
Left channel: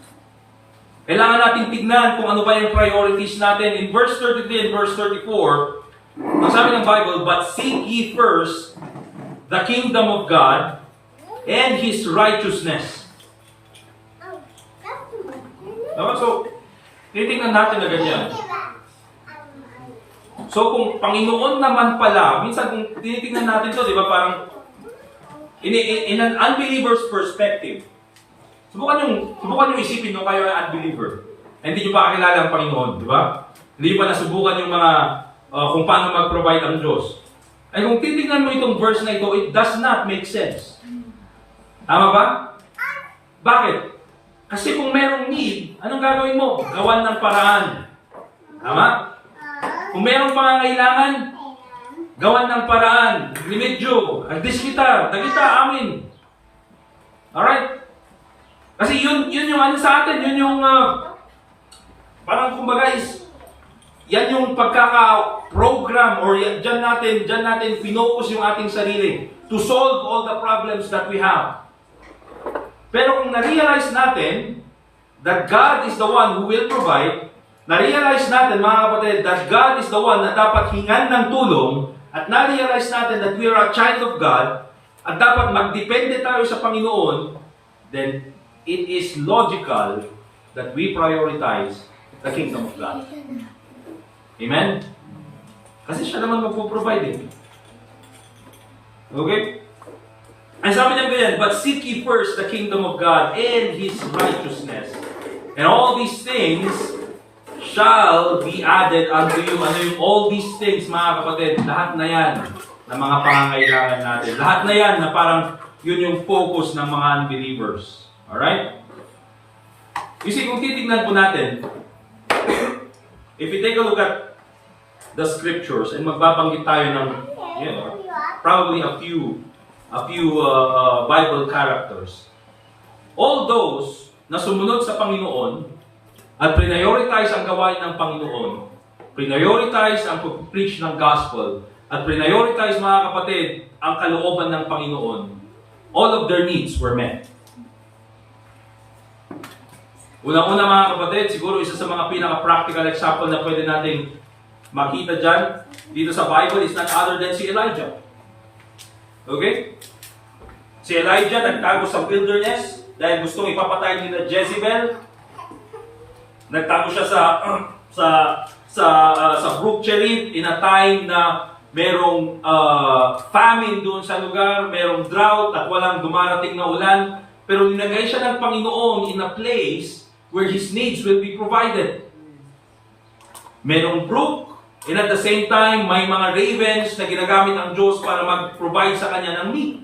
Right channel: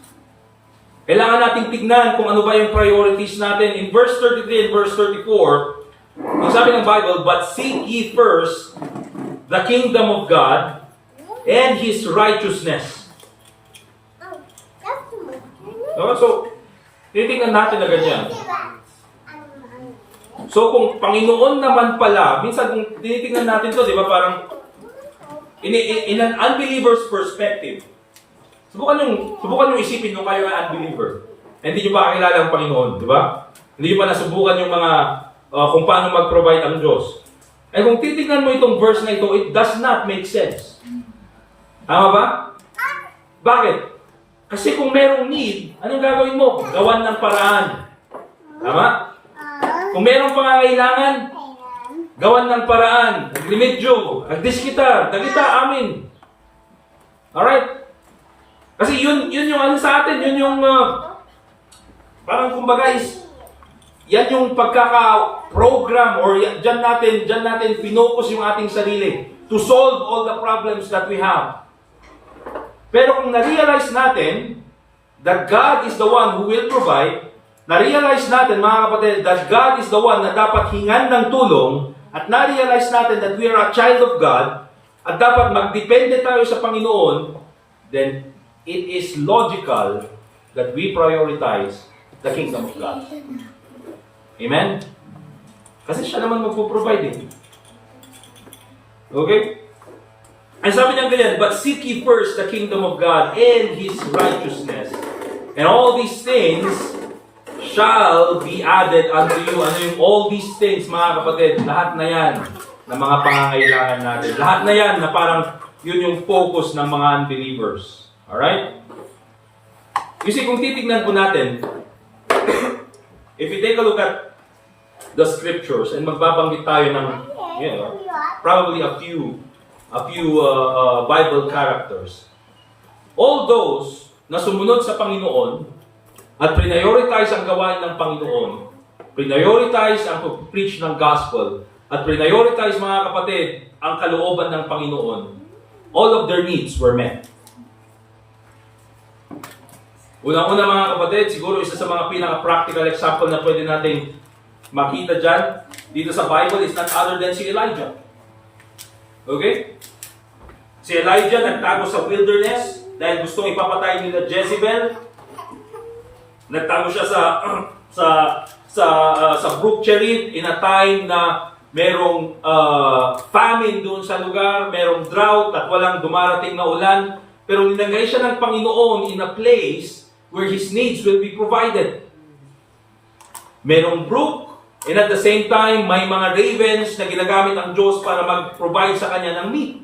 Kailangan natin tignan kung ano ba yung priorities natin. In verse 33 and verse 34, ang sabi ng Bible, but seek ye first the kingdom of God and His righteousness. So, titignan natin na ganyan. So, kung Panginoon naman pala, minsan kung tinitignan natin to, di ba, parang in an unbeliever's perspective, subukan yung isipin nyo kayo ay unbeliever. Hindi nyo pa kakilala ang Panginoon, di ba? Hindi pa nasubukan yung mga kung paano mag-provide ang Diyos. Ay kung titignan mo itong verse na ito, it does not make sense. Tama ba? Bakit? Kasi kung merong need, anong gagawin mo? Gawan ng paraan. Tama? Kung merong pangangailangan, gawan ng paraan. Nag-remedyo, nagdiskita, dagita, amin. Alright? Kasi yun yung ano sa atin, yun yung parang kumbaga yan yung pagkaka-program or dyan natin pinocus yung ating sarili to solve all the problems that we have. Pero kung na-realize natin that God is the one who will provide, na-realize natin, mga kapatid, that God is the one na dapat hingan ng tulong, at na-realize natin that we are a child of God, at dapat magdepende tayo sa Panginoon, then it is logical that we prioritize the kingdom of God. Amen? Kasi siya naman magpo-provide eh. Okay? Ang sabi niya ganyan, but seek ye first the kingdom of God and His righteousness. And all these things shall be added unto you. Ano yung all these things, mga kapatid? Lahat na yan ng mga pangangailangan natin. Lahat na yan na parang yun yung focus ng mga unbelievers. Alright? You see, kung titignan po natin, if we take a look at the scriptures and magbabanggit tayo ng, probably a few Bible characters. All those na sumunod sa Panginoon at prioritize ang gawain ng Panginoon, prioritize ang preach ng gospel, at prioritize, mga kapatid, ang kalooban ng Panginoon, all of their needs were met. Unang-una, mga kapatid, siguro isa sa mga pinaka-practical example na pwede nating makita dyan, dito sa Bible, is none other than si Elijah. Okay? Si Elijah nagtago sa wilderness dahil gustong ipapatay nila Jezebel. Nagtago siya sa Brook Cherith in a time na merong famine doon sa lugar, merong drought at walang dumarating na ulan. Pero nilagay siya ng Panginoon in a place where his needs will be provided. Merong brook, and at the same time, may mga ravens na ginagamit ng Diyos para mag-provide sa kanya ng meat.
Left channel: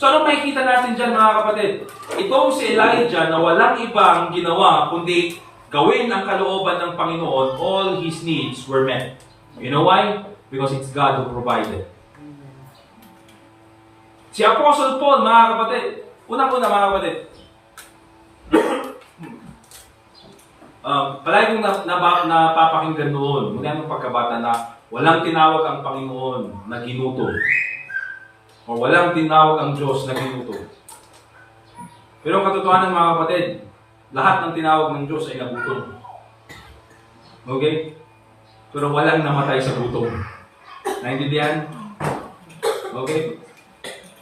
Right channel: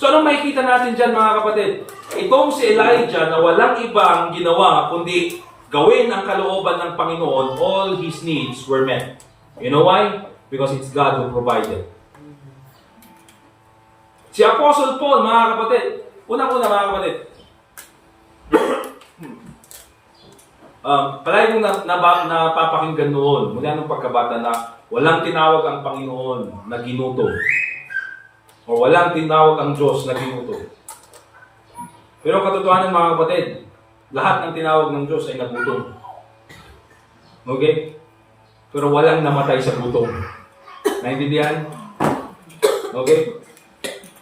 So anong makikita natin dyan, mga kapatid? Itong si Elijah na walang ibang ginawa kundi gawin ang kalooban ng Panginoon, all his needs were met. You know why? Because it's God who provided. Si Apostle Paul, mga kapatid, unang-una, mga kapatid, palagi kong napapakinggan noon, mula nung pagkabata na walang tinawag ang Panginoon na ginuto. O walang tinawag ang Diyos na ginuto. Pero katotohanan, mga kapatid, lahat ng tinawag ng Diyos ay nagutom. Okay? Pero walang namatay sa gutom. Naintindihan? Okay?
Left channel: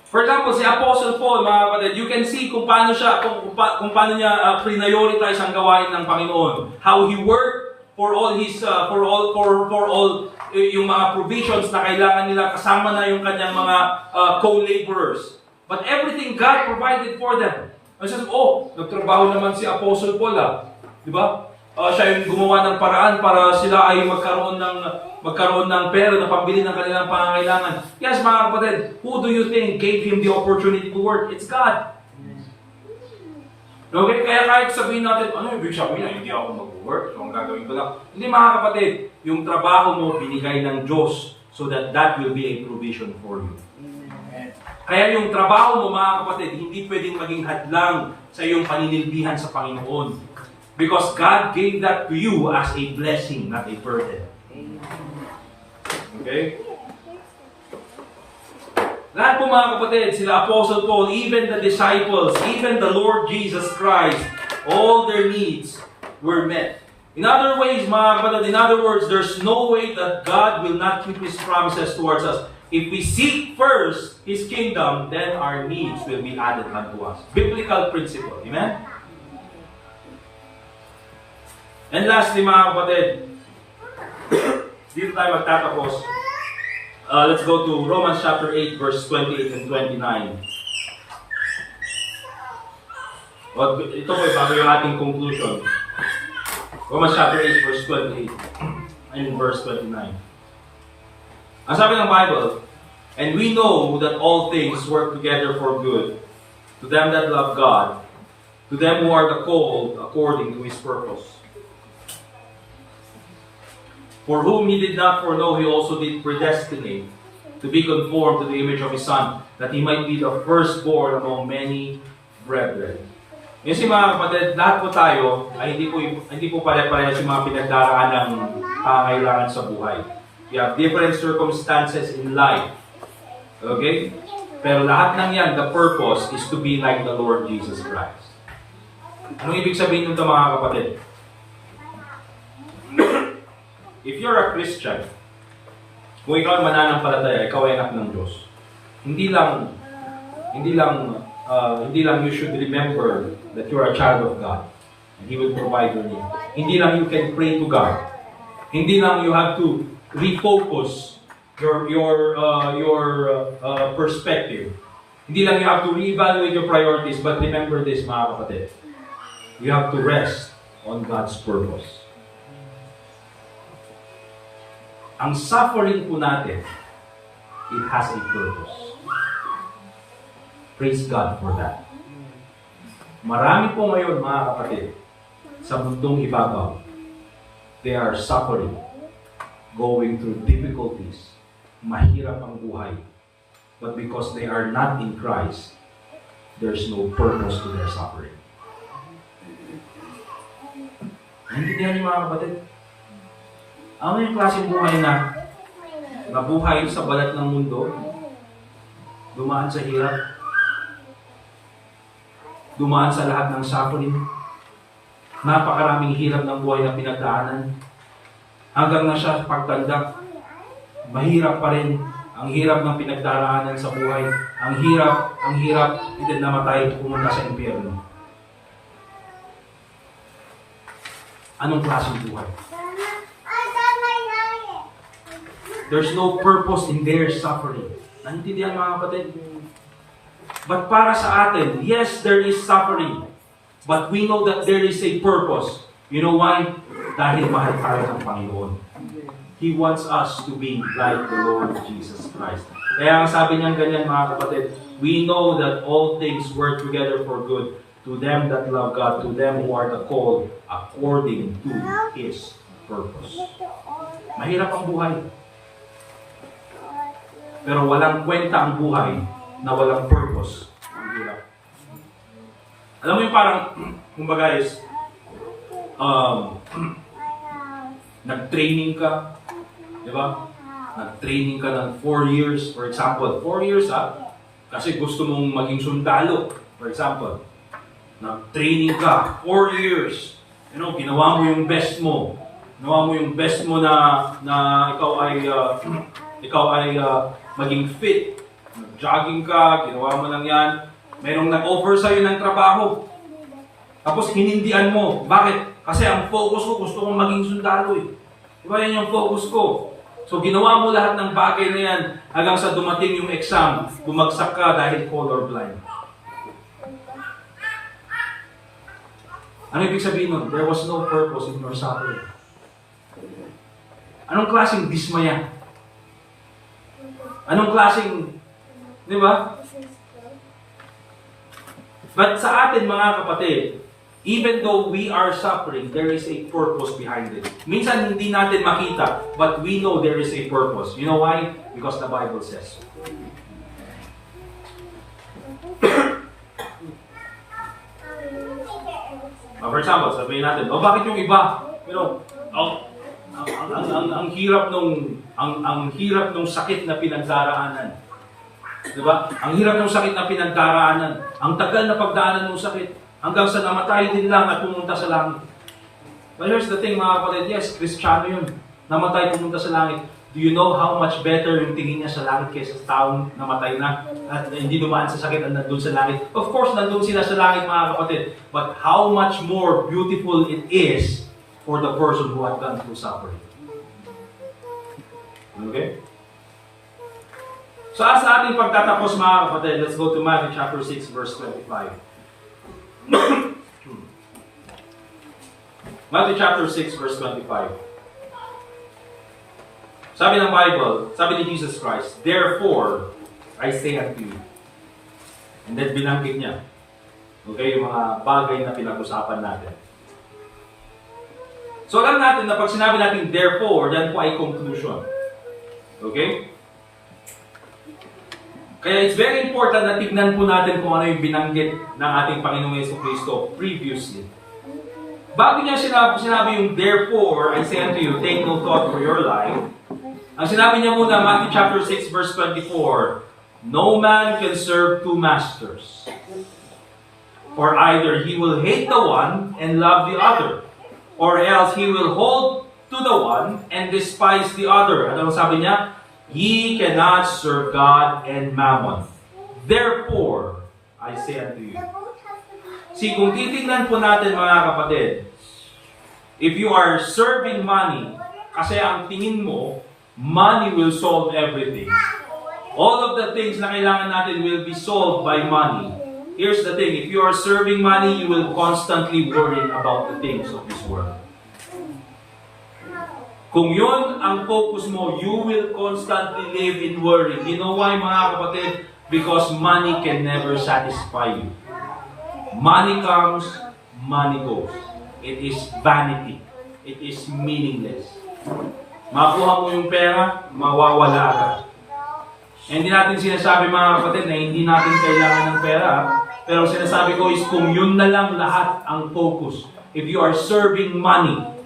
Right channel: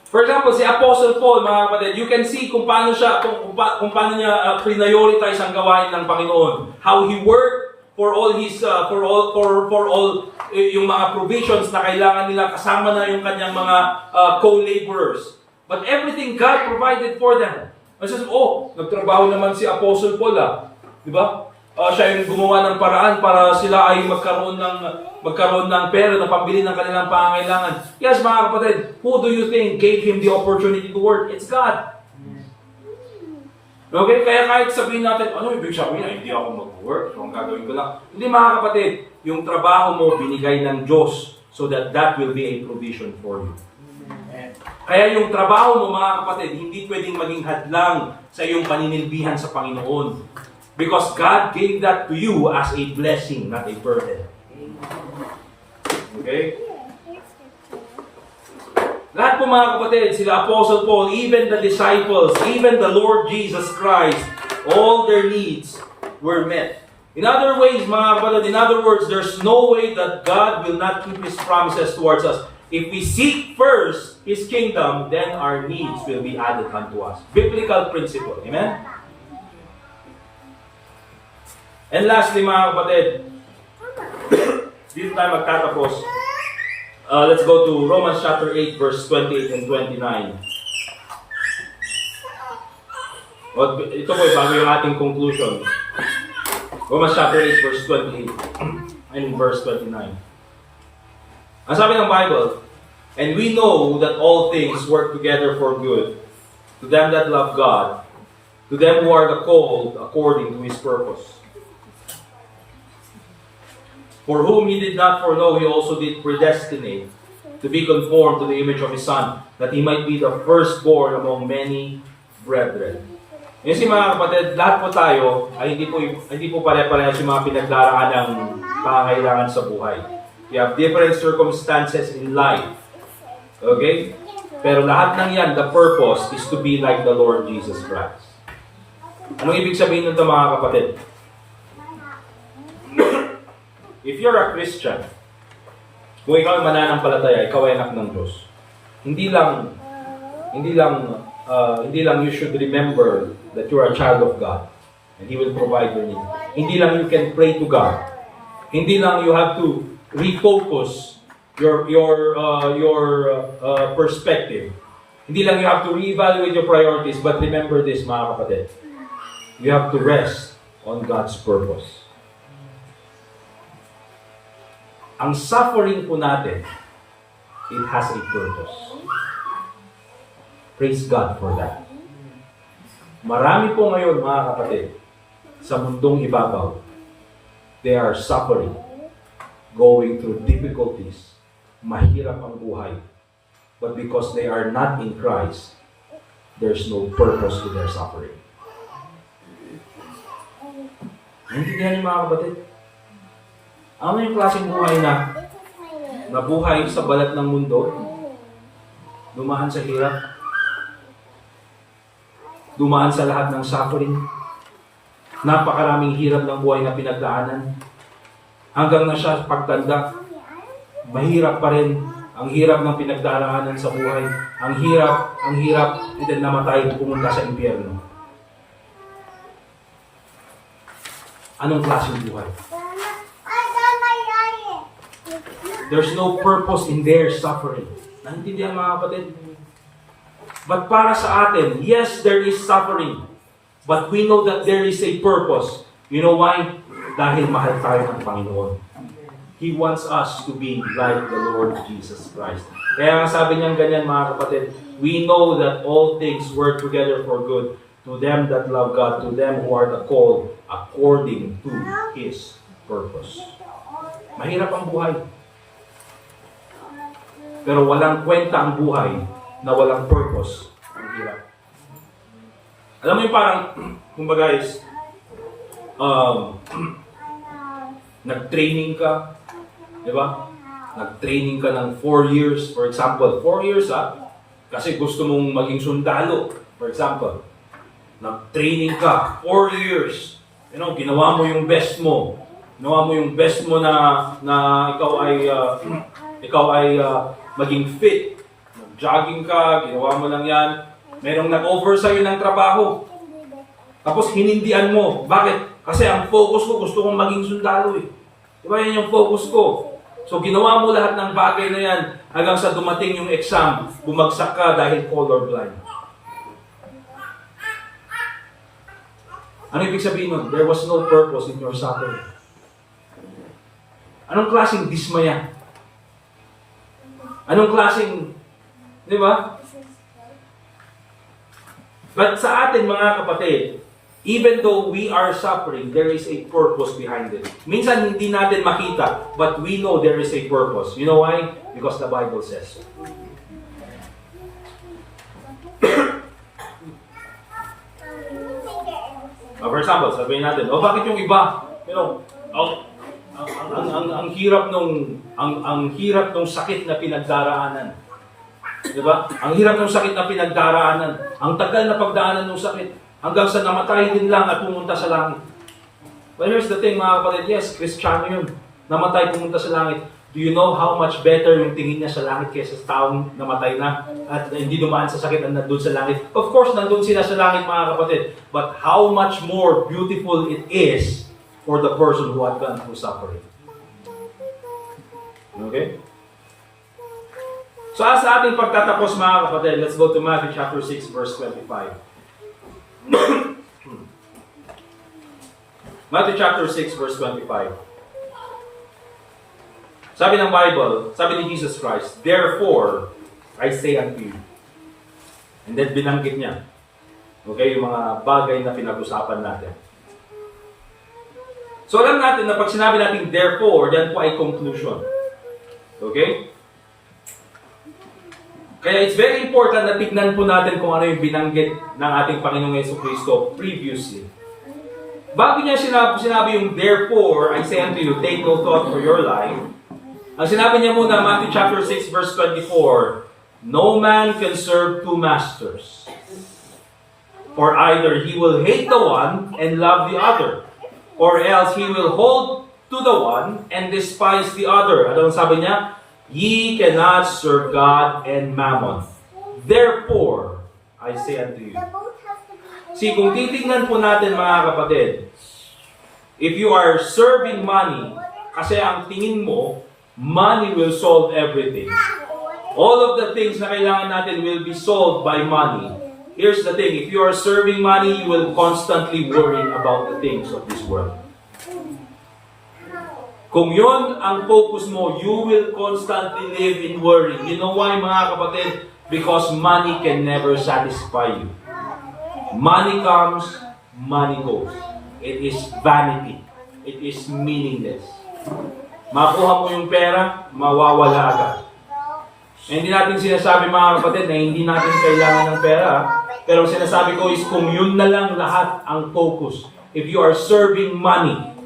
For example, si Apostle Paul, mga kapatid, you can see kung paano siya, kung paano niya prioritize ang gawain ng Panginoon. How he worked for all his, for all yung mga provisions na kailangan nila, kasama na yung kanyang mga co-laborers. But everything God provided for them. Ay sabi, nagtrabaho naman si Apostle Paul, di ba? Siya yung gumawa ng paraan para sila ay magkaroon ng pera na pambili ng kanilang pangangailangan. Yes, mga kapatid, who do you think gave him the opportunity to work? It's God. Okay, kaya kahit sabihin natin, ano yung ibig sabihin na hindi ako mag-work, so ang gagawin ko lang. Hindi, mga kapatid, yung trabaho mo binigay ng Diyos so that will be a provision for you. Kaya yung trabaho mo, mga kapatid, hindi pwedeng maging hadlang sa iyong paninilbihan sa Panginoon. Because God gave that to you as a blessing, not a burden. Okay? Lahat po, mga kapatid, sila Apostle Paul, even the disciples, even the Lord Jesus Christ, all their needs were met. In other ways, mga kapatid, in other words, there's no way that God will not keep His promises towards us. If we seek first His kingdom, then our needs will be added unto us. Biblical principle. Amen? And lastly, mga kapatid, dito tayo magtatapos. Let's go to Romans chapter 8, verse 28 and 29. Ito po, bago yung ating conclusion. Romans chapter 8, verse 28 and verse 29. Ang sabi ng Bible, and we know that all things work together for good to them that love God, to them who are the called according to His purpose. For whom He did not foreknow, He also did predestinate to be conformed to the image of His Son, that He might be the firstborn among many brethren. Yung si mga kapatid, lahat po tayo ay hindi po pare-parehas yung mga pinagdaraan ng pangangailangan sa buhay. You have different circumstances in life. Okay? Pero lahat ng yan, the purpose is to be like the Lord Jesus Christ. Anong ibig sabihin nito, mga kapatid? If you're a Christian, kung ikaw ay mananampalataya, ikaw ay anak ng Diyos. Hindi lang you should remember that you're a child of God and He will provide your need. Hindi lang you can pray to God. Hindi lang you have to refocus your perspective. Hindi lang you have to reevaluate your priorities, but remember this, mga kapatid. You have to rest on God's purpose. Ang suffering po natin it has a purpose. Praise God for that. Marami po ngayon, mga kapatid, sa mundong ibabaw, they are suffering, going through difficulties, mahirap ang buhay. But because they are not in Christ, there's no purpose to their suffering. Naintindihan niyo, mga kapatid? Ano yung klaseng buhay na nabuhay sa balat ng mundo, dumaan sa hirap, dumaan sa lahat ng suffering, napakaraming hirap ng buhay na pinagdaanan, hanggang na siya pagtanda, mahirap pa rin ang hirap ng pinagdaraanan sa buhay, ang hirap, and then namatay, pumunta sa impyerno. Anong klaseng buhay? There's no purpose in their suffering. Naintindihan, mga kapatid? But para sa atin, yes, there is suffering. But we know that there is a purpose. You know why? Dahil mahal tayo ng Panginoon. He wants us to be like the Lord Jesus Christ. Kaya ang sabi niyang ganyan, mga kapatid, we know that all things work together for good to them that love God, to them who are the called according to His purpose. Mahirap ang buhay. Pero walang kwenta ang buhay na walang purpose. Ang hirap. Alam mo yung parang, kumbaga is, nag-training ka, di ba? Nag-training ka ng 4 years, for example. 4 years kasi gusto mong maging sundalo, for example. Nag-training ka, 4 years. You know, ginawa mo yung best mo. Ginawa mo yung best mo na ikaw ay maging fit. Nag-jogging ka, ginawa mo lang yan. Merong nag-offer sa'yo ng trabaho. Tapos hinindihan mo. Bakit? Kasi ang focus ko, gusto kong maging sundalo eh. Diba yan yung focus ko? So ginawa mo lahat ng bagay na yan hanggang sa dumating yung exam, bumagsak ka dahil colorblind. Ano ibig sabihin nun? There was no purpose in your suffering. Anong klaseng dismaya? Anong klaseng, di ba? But sa atin, mga kapatid, even though we are suffering, there is a purpose behind it. Minsan hindi natin makita, but we know there is a purpose. You know why? Because the Bible says. For example, sabihin natin, bakit yung iba? Pero, ang hirap nung sakit na pinagdaraanan. Diba? Ang hirap ng sakit na pinagdaraanan. Ang tagal na pagdaanan ng sakit. Hanggang sa namatay din lang at pumunta sa langit. But here's the thing, mga kapatid. Yes, Kristiyano yun. Namatay, pumunta sa langit. Do you know how much better yung tingin niya sa langit kaysa sa taong namatay na at hindi dumaan sa sakit at nandun sa langit? Of course, nandun sila sa langit, mga kapatid. But how much more beautiful it is for the person who had gone through suffering. Okay? So, sa ating pagtatapos, mga kapatid, let's go to Matthew chapter 6, verse 25. Matthew chapter 6, verse 25. Sabi ng Bible, sabi ni Jesus Christ, therefore, I say unto you. And then binanggit niya. Okay, yung mga bagay na pinag-usapan natin. So alam natin na pag sinabi natin therefore, yan po ay conclusion. Okay? Kaya it's very important na tignan po natin kung ano yung binanggit ng ating Panginoong Jesucristo previously. Bago niya sinabi yung therefore, I say unto you, take no thought for your life. Ang sinabi niya muna, Matthew chapter 6, verse 24, no man can serve two masters. For either he will hate the one and love the other, or else he will hold to the one and despise the other. Ano ang sabi niya? Ye cannot serve God and mammon. Therefore, I say unto you. See, kung titignan po natin, mga kapatid, if you are serving money, kasi ang tingin mo, money will solve everything. All of the things na kailangan natin will be solved by money. Here's the thing, if you are serving money, you will constantly worry about the things of this world. Kung yun ang focus mo, you will constantly live in worry. You know why, mga kapatid? Because money can never satisfy you. Money comes, money goes. It is vanity. It is meaningless. Makuha mo yung pera, mawawala ka. Hindi natin sinasabi, mga kapatid, na hindi natin kailangan ng pera. Pero sinasabi ko is kung yun na lang lahat ang focus. If you are serving money.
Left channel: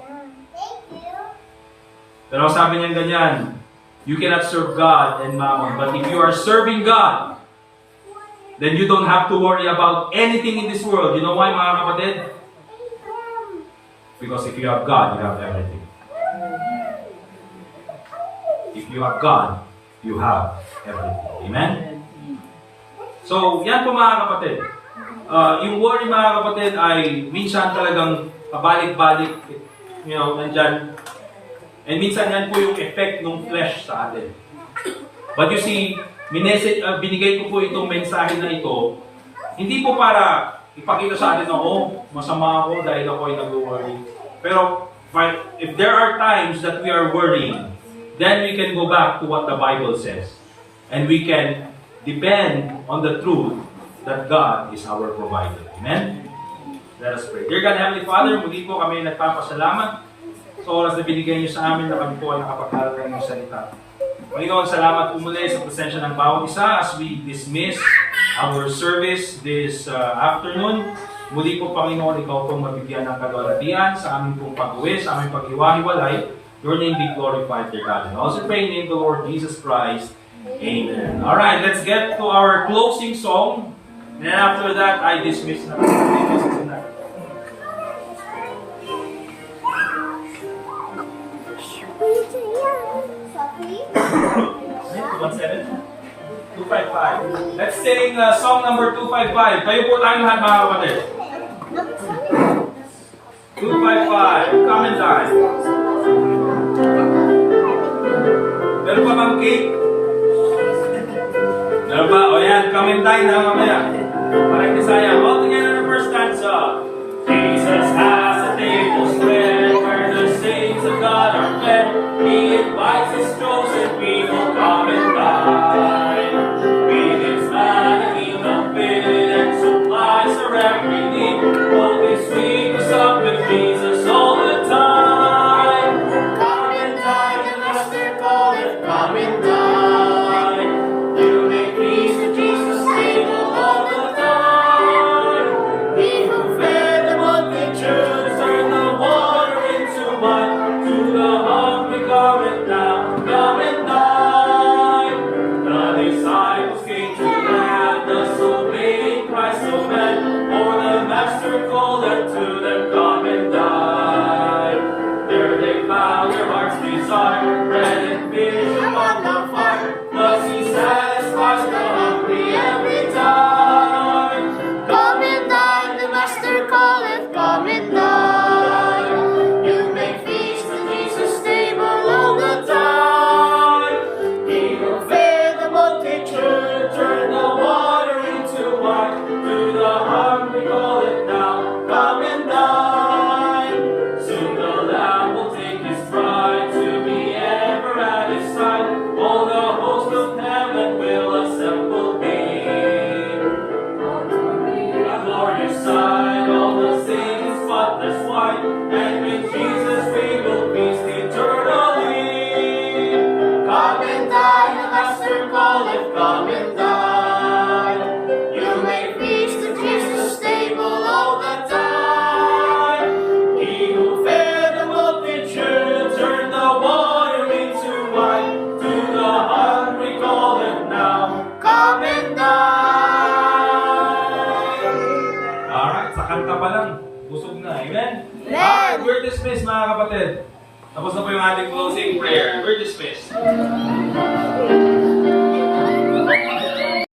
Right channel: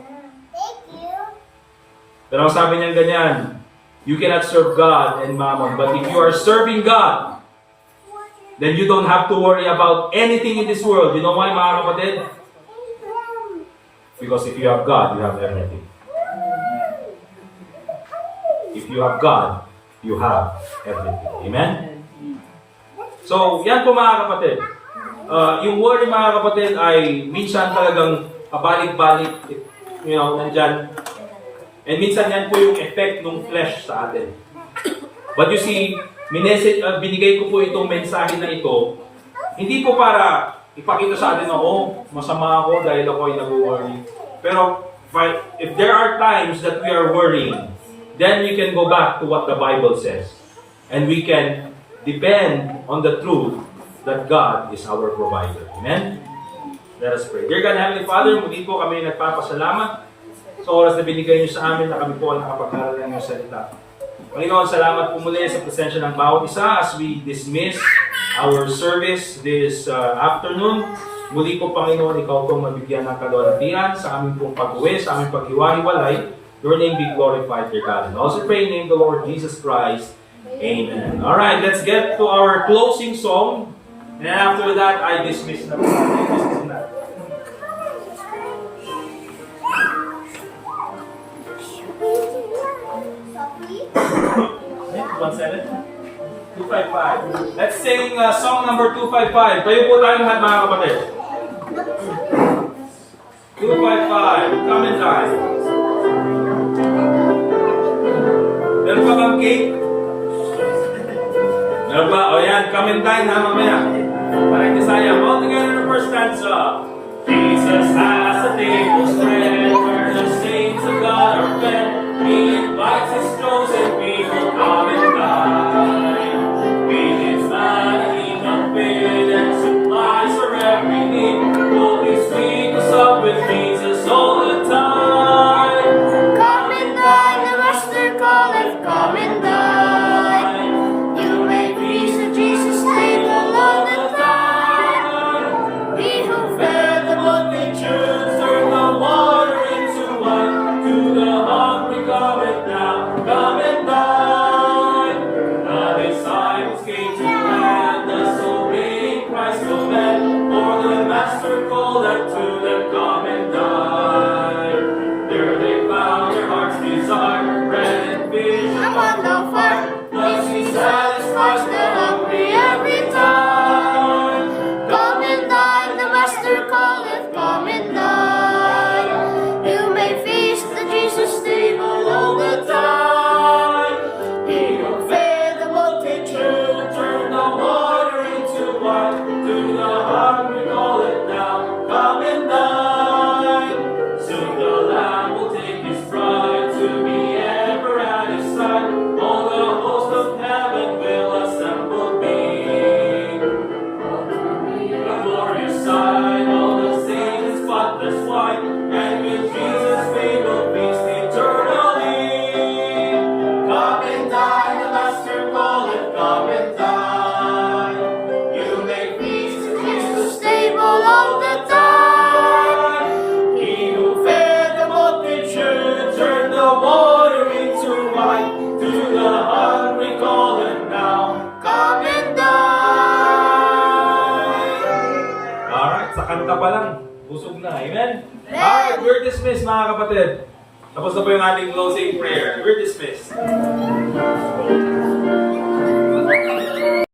Pero sabi niya ganyan, you cannot serve God and mammon. But if you are serving God, then you don't have to worry about anything in this world. You know why, mga kapatid? Because if you have God, you have everything. If you have God, you have everything. Amen? So, yan po, mga kapatid. Yung worry, mga kapatid, ay minsan talagang pabalik-balik. You know, nandyan. And minsan yan po yung effect ng flesh sa atin. But you see, binigay ko po itong mensahe na ito, hindi po para ipakita sa atin na, oh, masama ako dahil ako ay nag-worry. Pero if there are times that we are worrying, then we can go back to what the Bible says. And we can depend on the truth that God is our provider. Amen? Let us pray. Dear God, Heavenly Father, muli po kami nagpapasalamat sa oras na binigay niyo sa amin na kami po ay nakapagkaroon ng iyong salita. Panginoon, salamat po muli sa presensya ng bawat isa as we dismiss our service this afternoon. Muli po, Panginoon, ikaw pong mabigyan ng kalwalhatian sa aming pong pag-uwi, sa aming paghiwa-hiwalay. Your name be glorified, dear God. And also pray in the name of the Lord Jesus Christ. Amen. Alright, let's get to our closing song. And then after that, I dismiss na po. Sophie? 255. Let's sing song number 255. Tayo po tayo lahat, mga kapatid. 255. Come and die. Meron pa bang cake? Meron ba? O yan, come and die na mamaya. Parang Isaiah. All together, first stanza. Jesus has a table spread where the saints of God are fed. He invites his chosen people, come and dine. Feed his man and eat the bit and supplies our every need. Holy sweet is up with Jesus all the time. Come and dine, the Master calleth, come and dine. You may feast at Jesus' table all the time. He who fed the multitudes turned the water into wine. To the hungry come and now, come and dine. The disciples came to land, thus obeying Christ the man. For the Master called them to them, come and dine. There they found their heart's desire, bread and fish upon the fire. Thus he satisfies the hungry every time. Come and dine, the Master calleth, come and dine. You may feast at Jesus' table all the time. He who Fed the multitude, turn the water into wine. To the hungry call it now, come and dine. Soon the Lamb will take his bride to be ever at his side. All the host of heaven will assemble be. A glorious sight, all the saints in spotless white, and with Jesus we will feast eternally. Come and dine, the Master calleth, come and dine. You may feast at Jesus' table all the time. He who fed the multitude turned the water into wine. To the hungry call him now, come and dine. Alright, sa kanta pa lang, busog na. Amen? Alright, we're dismissed, mga kapatid. Tapos na po yung ating closing prayer. We're dismissed.